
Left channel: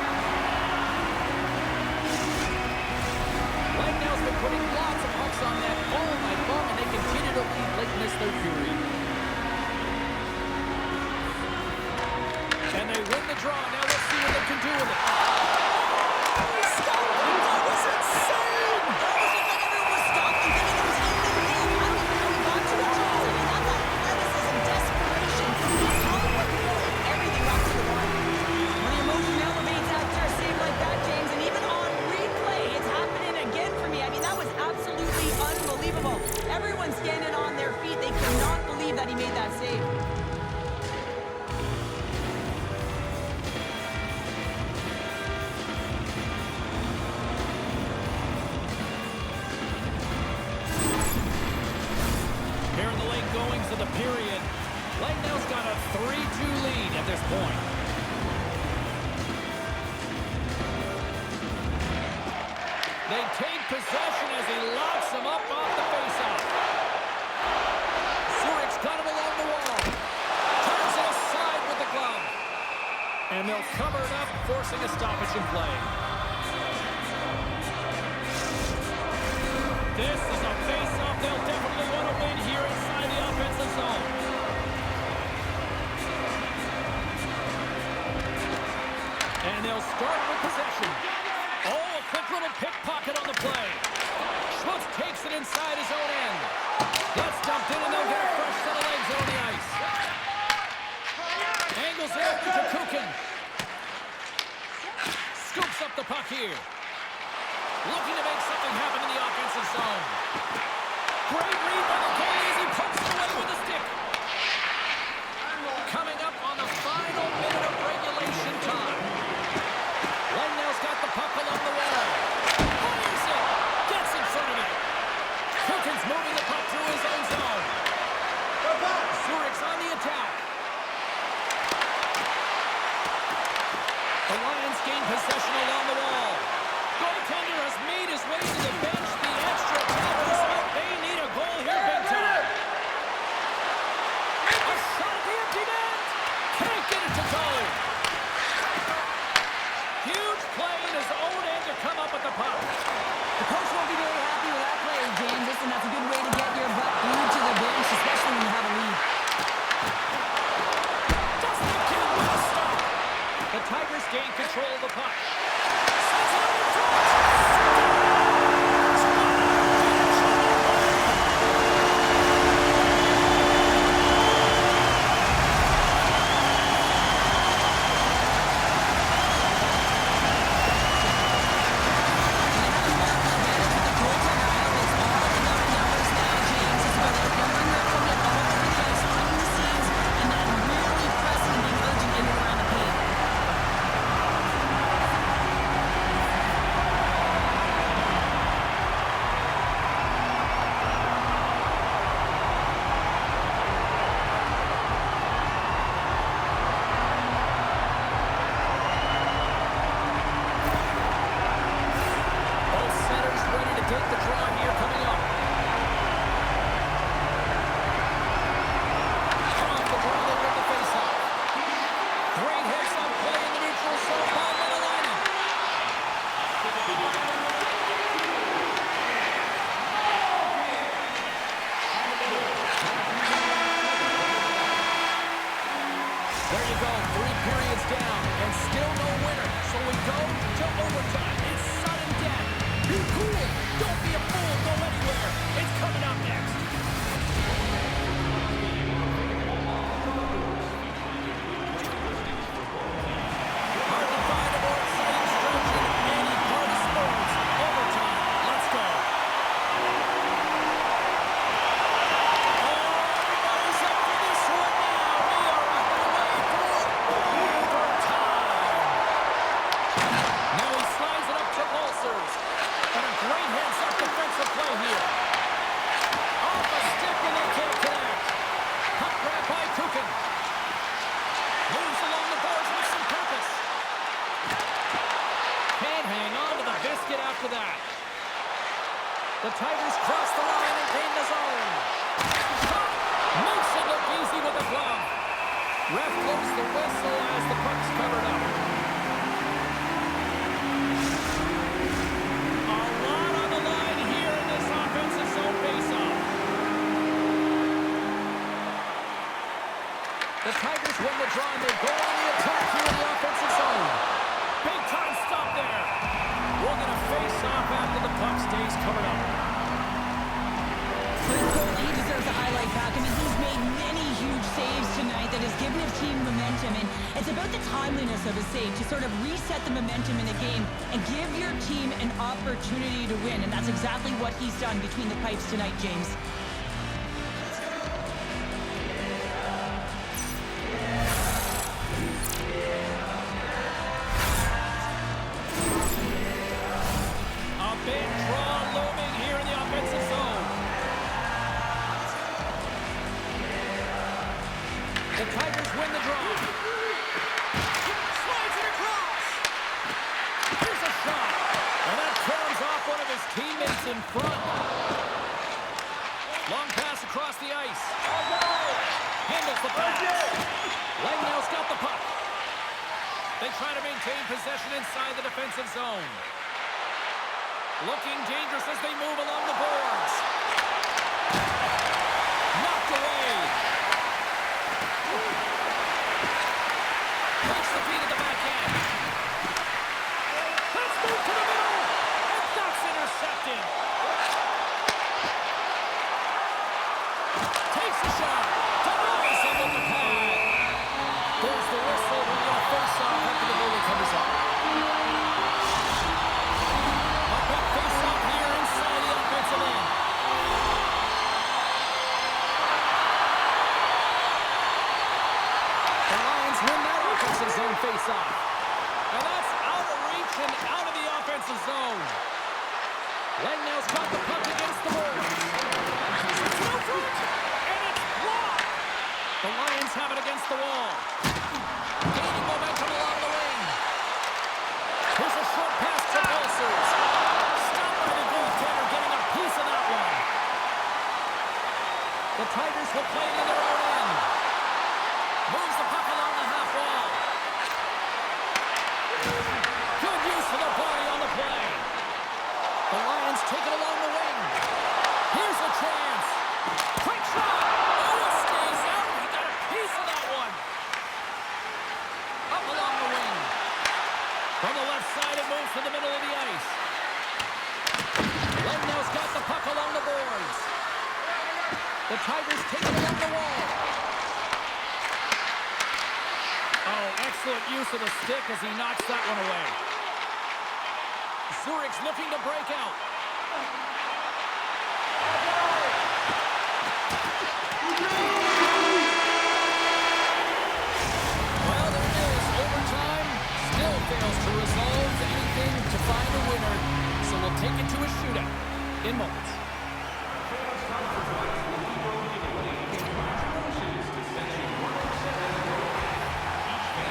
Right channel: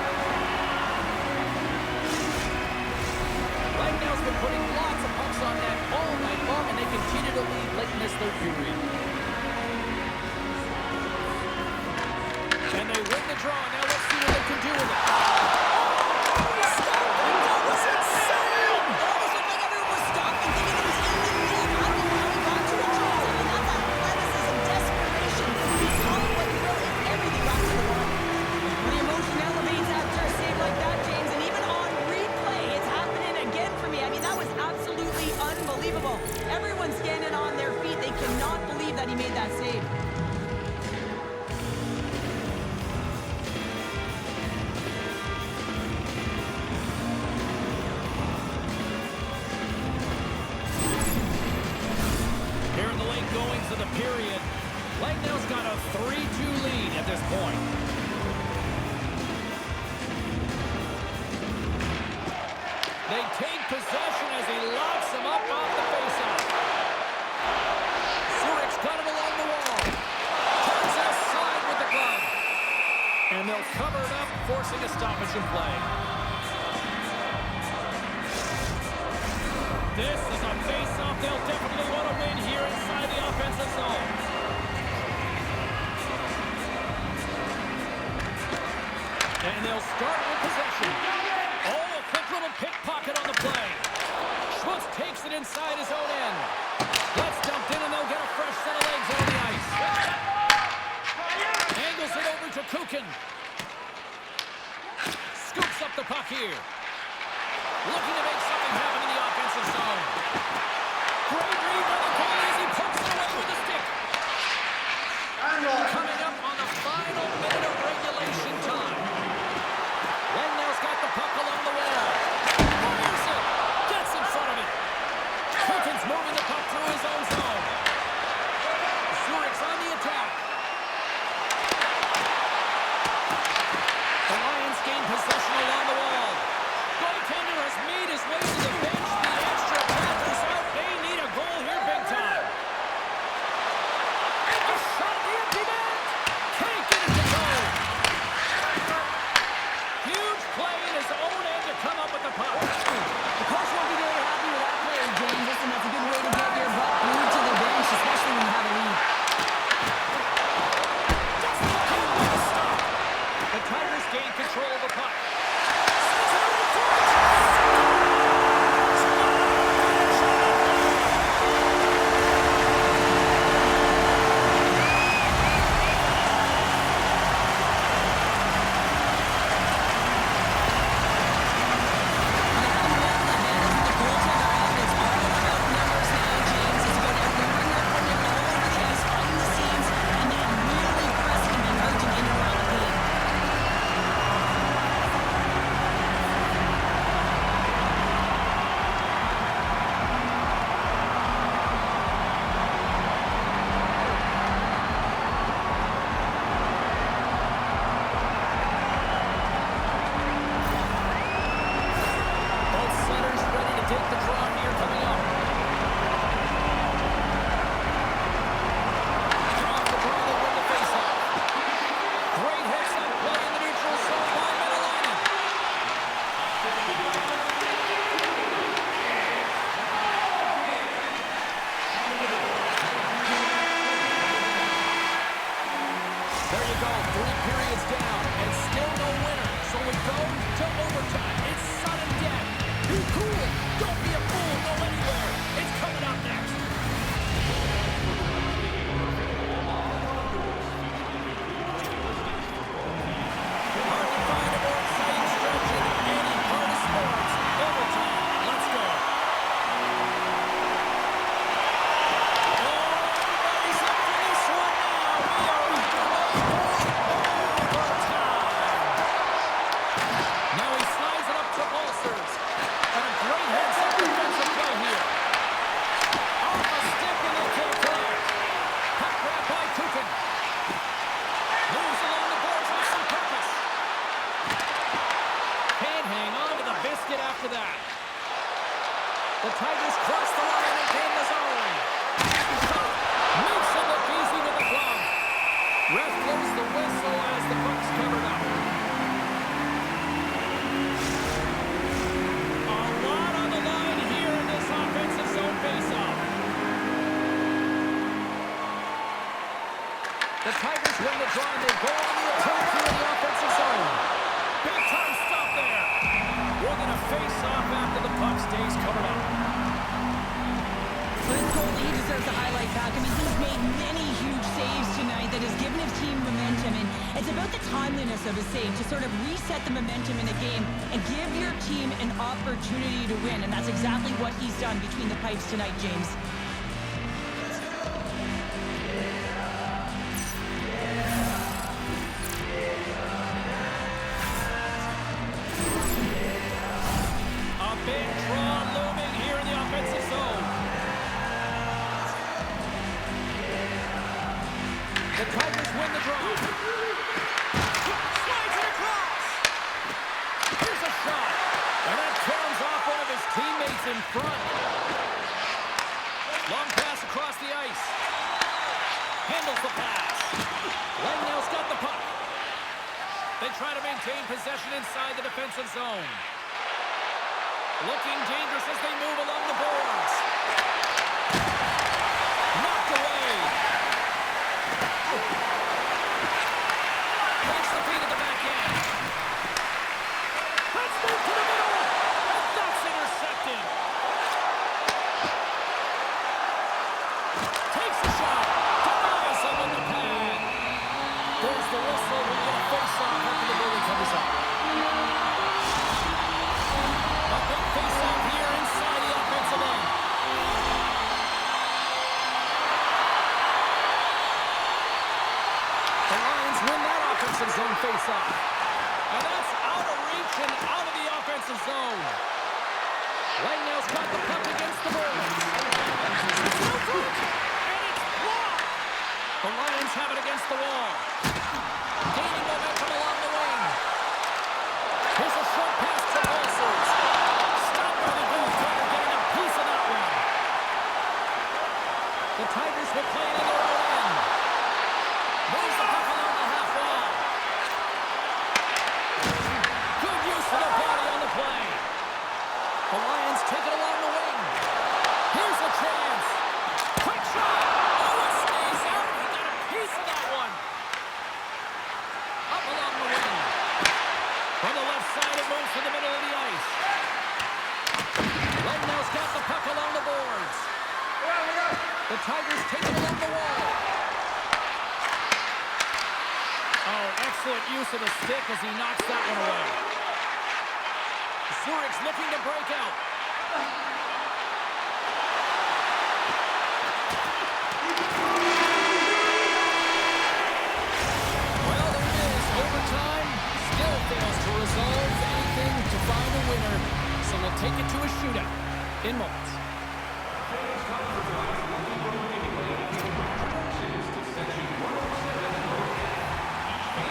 Langnell's been putting lots of pucks on net all night long, and they continue to lead late in this third period. And they win the draw. Now let's see what they can do with it. Oh, that was insane! That was a Everyone's standing on their feet. They cannot believe that he made that save. Here in the late goings of the period, Langnell's got a 3-2 lead at this point. They take possession as he locks him up off the faceoff. Zurich's got him along the wall. Turns it aside with the glove. And they'll cover it up, forcing a stoppage in play. This is a face-off they'll definitely want to win here inside the offensive zone. And they'll start with possession. Oh, a quick little pickpocket on the play. Schmutz takes it inside his own end. That's dumped in, and they'll get a fresh set of legs on the ice. Angles it over to Kukin. Scoops up the puck here. Looking to make something happen in the offensive zone. Great read by the goalie as he pokes it away with a stick. Coming up on the final minute of regulation time. Langnell's got the puck along the wall. Fires it. Gets in front of it. Kukin's moving the puck through his own zone. Zurich's on the attack. The Lions gain possession along the wall. Goaltender has made his way to the bench. The extra tackles out. They need a goal here big time. A shot at the empty net. Can't get it to go. Huge play in his own end to come up with the puck. The coach won't be very happy with that play, James. Listen, that's a good way to get your butt glued to the bench, especially when you have a lead. Doesn't get with a stop. The Tigers gain control of the puck. Sends it over the front. Finish on that play. And having the advantage with the goaltender out is all about numbers now, James. It's about outnumbering your opponent all over the ice, finding the seams, and then really pressing and being urgent in and around the paint. Both centers ready to take the draw here coming up. Off the draw, they win the faceoff. Great heads-up play in the neutral zone by Medellin. There you go, 3 periods down, and still no winner. So we go to overtime. It's sudden death. Be cool. Don't be a fool. Go anywhere. It's coming up next. Hard to find a more exciting stretch in any part of sports. Overtime. Let's go. Oh, everybody's up for this one now. We are underway for overtime. Now he slides it up to Ulcers. And a great heads-up defensive play here. Off a stick and they can't connect. Puck grab by Kukin. Moves along the boards with some purpose. Can't hang on to the biscuit after that. The Tigers cross the line and gain the zone. Shot. Makes it look easy with the glove. Ref blows the whistle as the puck's covered up. A lot on the line here in this offensive zone faceoff. The Tigers win the draw and they go on the attack here in the offensive zone. Big time stop there. We're going to face off after the puck stays covered up. But his goalie deserves deserves a highlight back. I mean, he's made many huge saves tonight that has given his team momentum, and it's about the timeliness of his save to sort of reset the momentum in a game and give your team an opportunity to win, and that's exactly what he's done between the pipes tonight, James. Big draw looming here in the offensive zone. The Tigers win the draw. Slides it across. Here's a shot. And that comes off one of his teammates in front. Long pass across the ice. Handles the pass. Langnell's got the puck. They try to maintain possession inside the defensive zone. Looking dangerous as they move along the boards. Knocked away. Takes the feed at the back end. Let's move to the middle. And that's intercepted. Takes the shot. Denies him with the pad. There's the whistle. We get a face-off after the goalie covers up. A big face-off here inside the offensive end. The Lions win that offensive zone face-off. And that's out of reach and out of the offensive zone. Langnell's got the puck against the boards. It's no good, and it's blocked. The Lions have it against the wall. Gaining momentum along the wing. Here's a short pass to Balsers. Stopped by the goaltender, getting a piece of that one. The Tigers will play it in their own end. Moves the puck along the half wall. Good use of the body on the play. The Lions take it along the wing. Here's a chance. Quick shot. Oh, it stays out. He got a piece of that one. Up along the wing. From the left side, it moves to the middle of the ice. Langnell's got the puck along the boards. The Tigers take it along the wall. Oh, excellent use of the stick as he knocks that one away. Zurich's looking to break out. Well, there it is. Overtime still fails to resolve anything to find a winner. So we'll take it to a shootout in moments.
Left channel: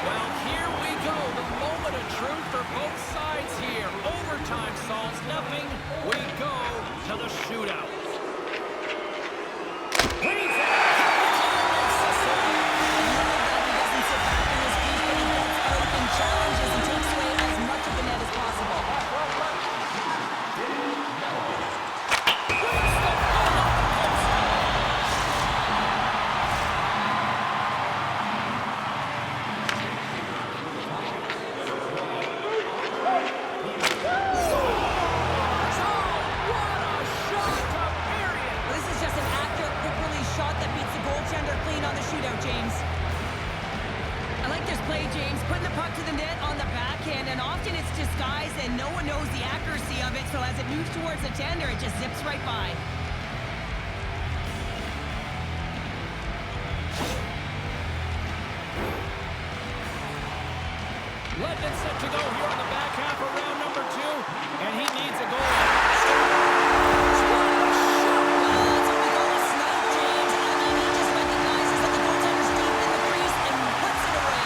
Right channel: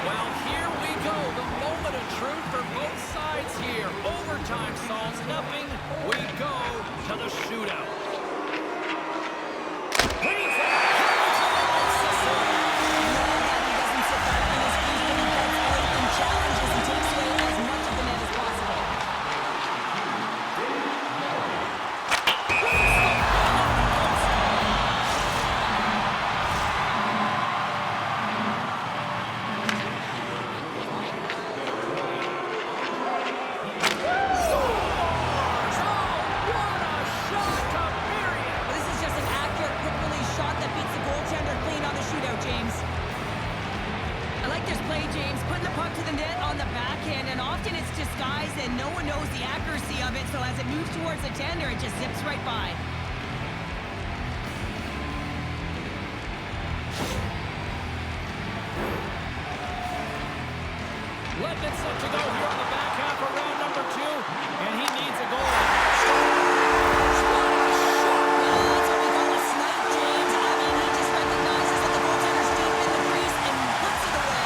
Well, here we go. The moment of truth for both sides here. Overtime solves nothing. We go to the shootout. Leads it. He doesn't sit back on his feet, but he gets out and challenges and takes away as much of the net as possible. Shot that beats the goaltender clean on the shootout, James. I like this play, James. Putting the puck to the net on the backhand, and often it's disguised and no one knows the accuracy of it, so as it moves towards the tender, it just zips right by. Ledman set to go here on the back half of round number 2, and he needs a goal. That's what we call a snipe, James. I mean, he just recognizes that the goaltender's deep in the crease and puts it away.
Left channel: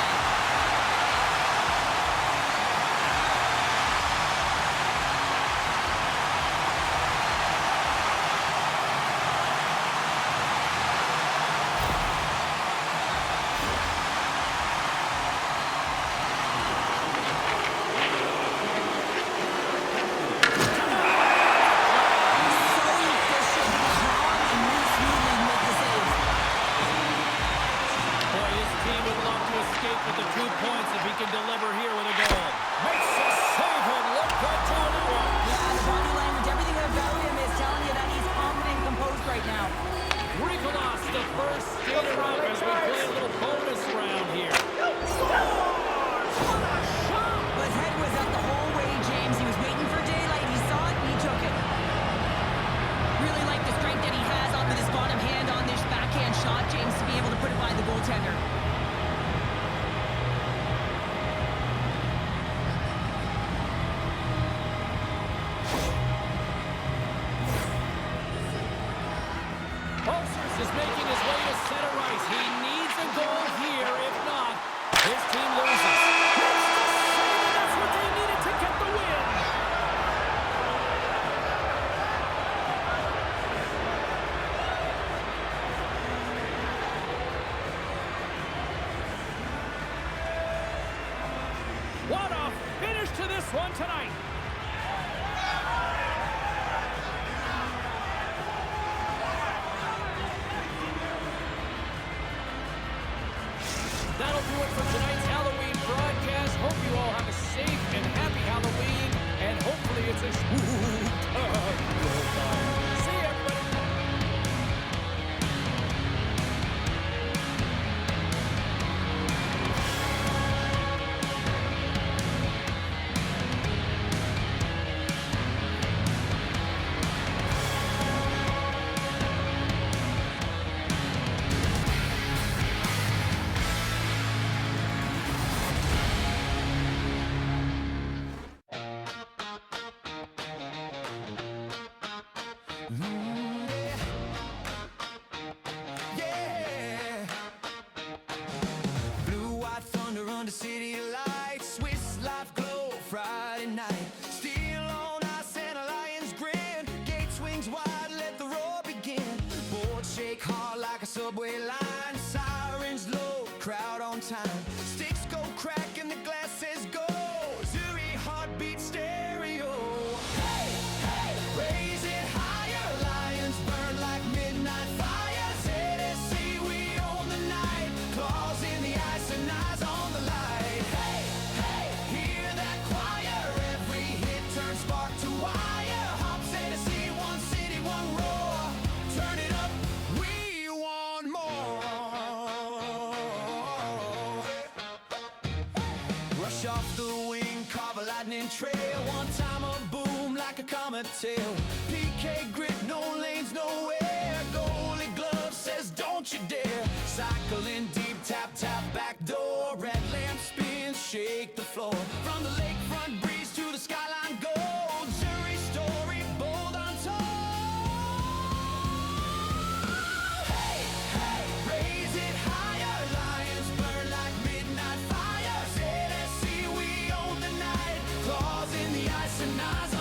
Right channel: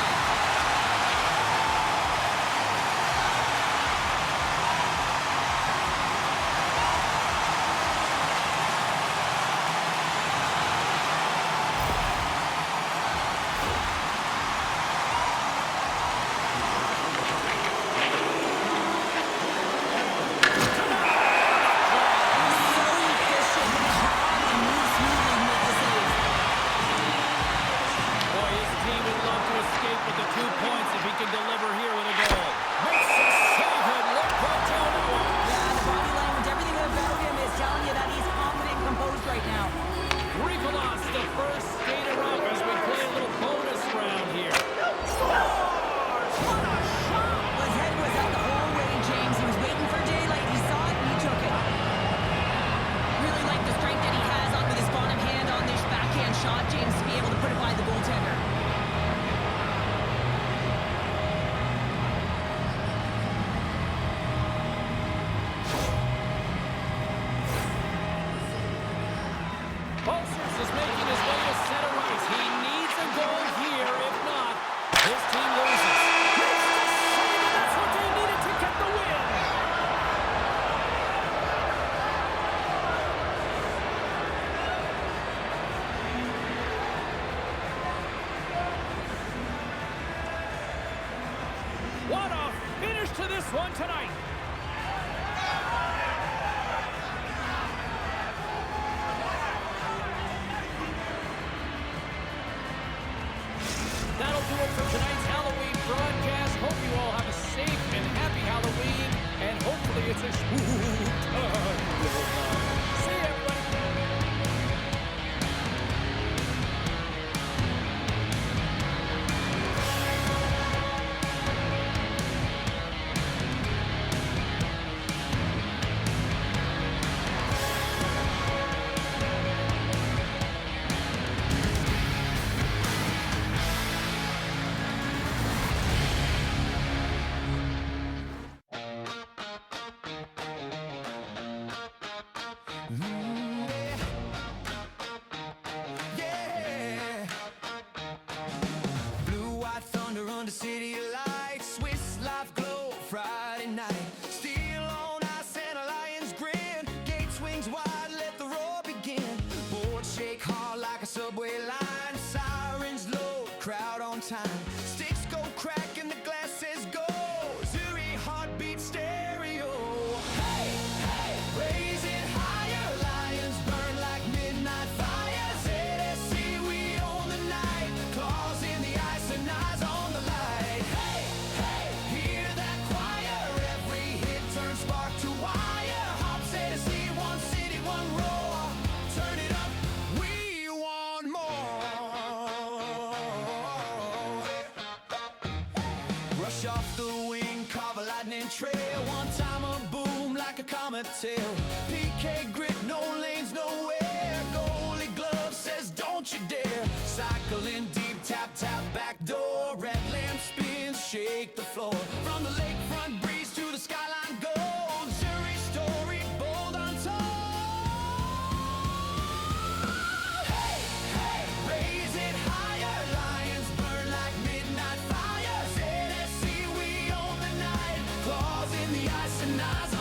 first skater up as we play a little bonus round here. Scores! What a shot! Well, his head was up the whole way, James. He was waiting for daylight. He saw it, and he took it. Really like the strength that he has on with his bottom hand on this backhand shot, James, to be able to put it by the goaltender. Bolsers is making his way to center ice. He needs a goal here. If not, his team loses. Makes the save, and that's what they needed to get the win. What a finish to this one tonight. That'll do it for tonight's Halloween broadcast. Hope you all have a safe and happy Halloween, and hopefully it's a spook-tacular time. See you, everybody. Yeah. Blue, white thunder under city lights. Swiss life glow Friday night. Steel on ice and a lion's grin. Gate swings wide, let the roar begin. Boards shake hard like a subway line. Sirens low, crowd on time. Sticks go crack and the glass says go. Zuri heartbeat stereo. Hey, hey, raise it higher. Lions burn like midnight fire. ZSC, we own the night. Claws in the ice and eyes on the light. Hey, hey, hear that choir. Every hit turns spark to wire. Hops ZSC, one city, one roar. Turn it up, we want more. Rush off the wing, carve a lightning trail. One time a boom like a comet tail. PK grit, no lanes, nowhere. Goalie glove says don't you dare. Cycling deep, tap, tap, back door. Red lamp spins, shake the floor. From the lakefront breeze to the skyline gold. Zuri story, bold untold. Hey, hey, raise it higher. Lions burn like midnight fire. ZSC, we own the night. Claws in the ice and eyes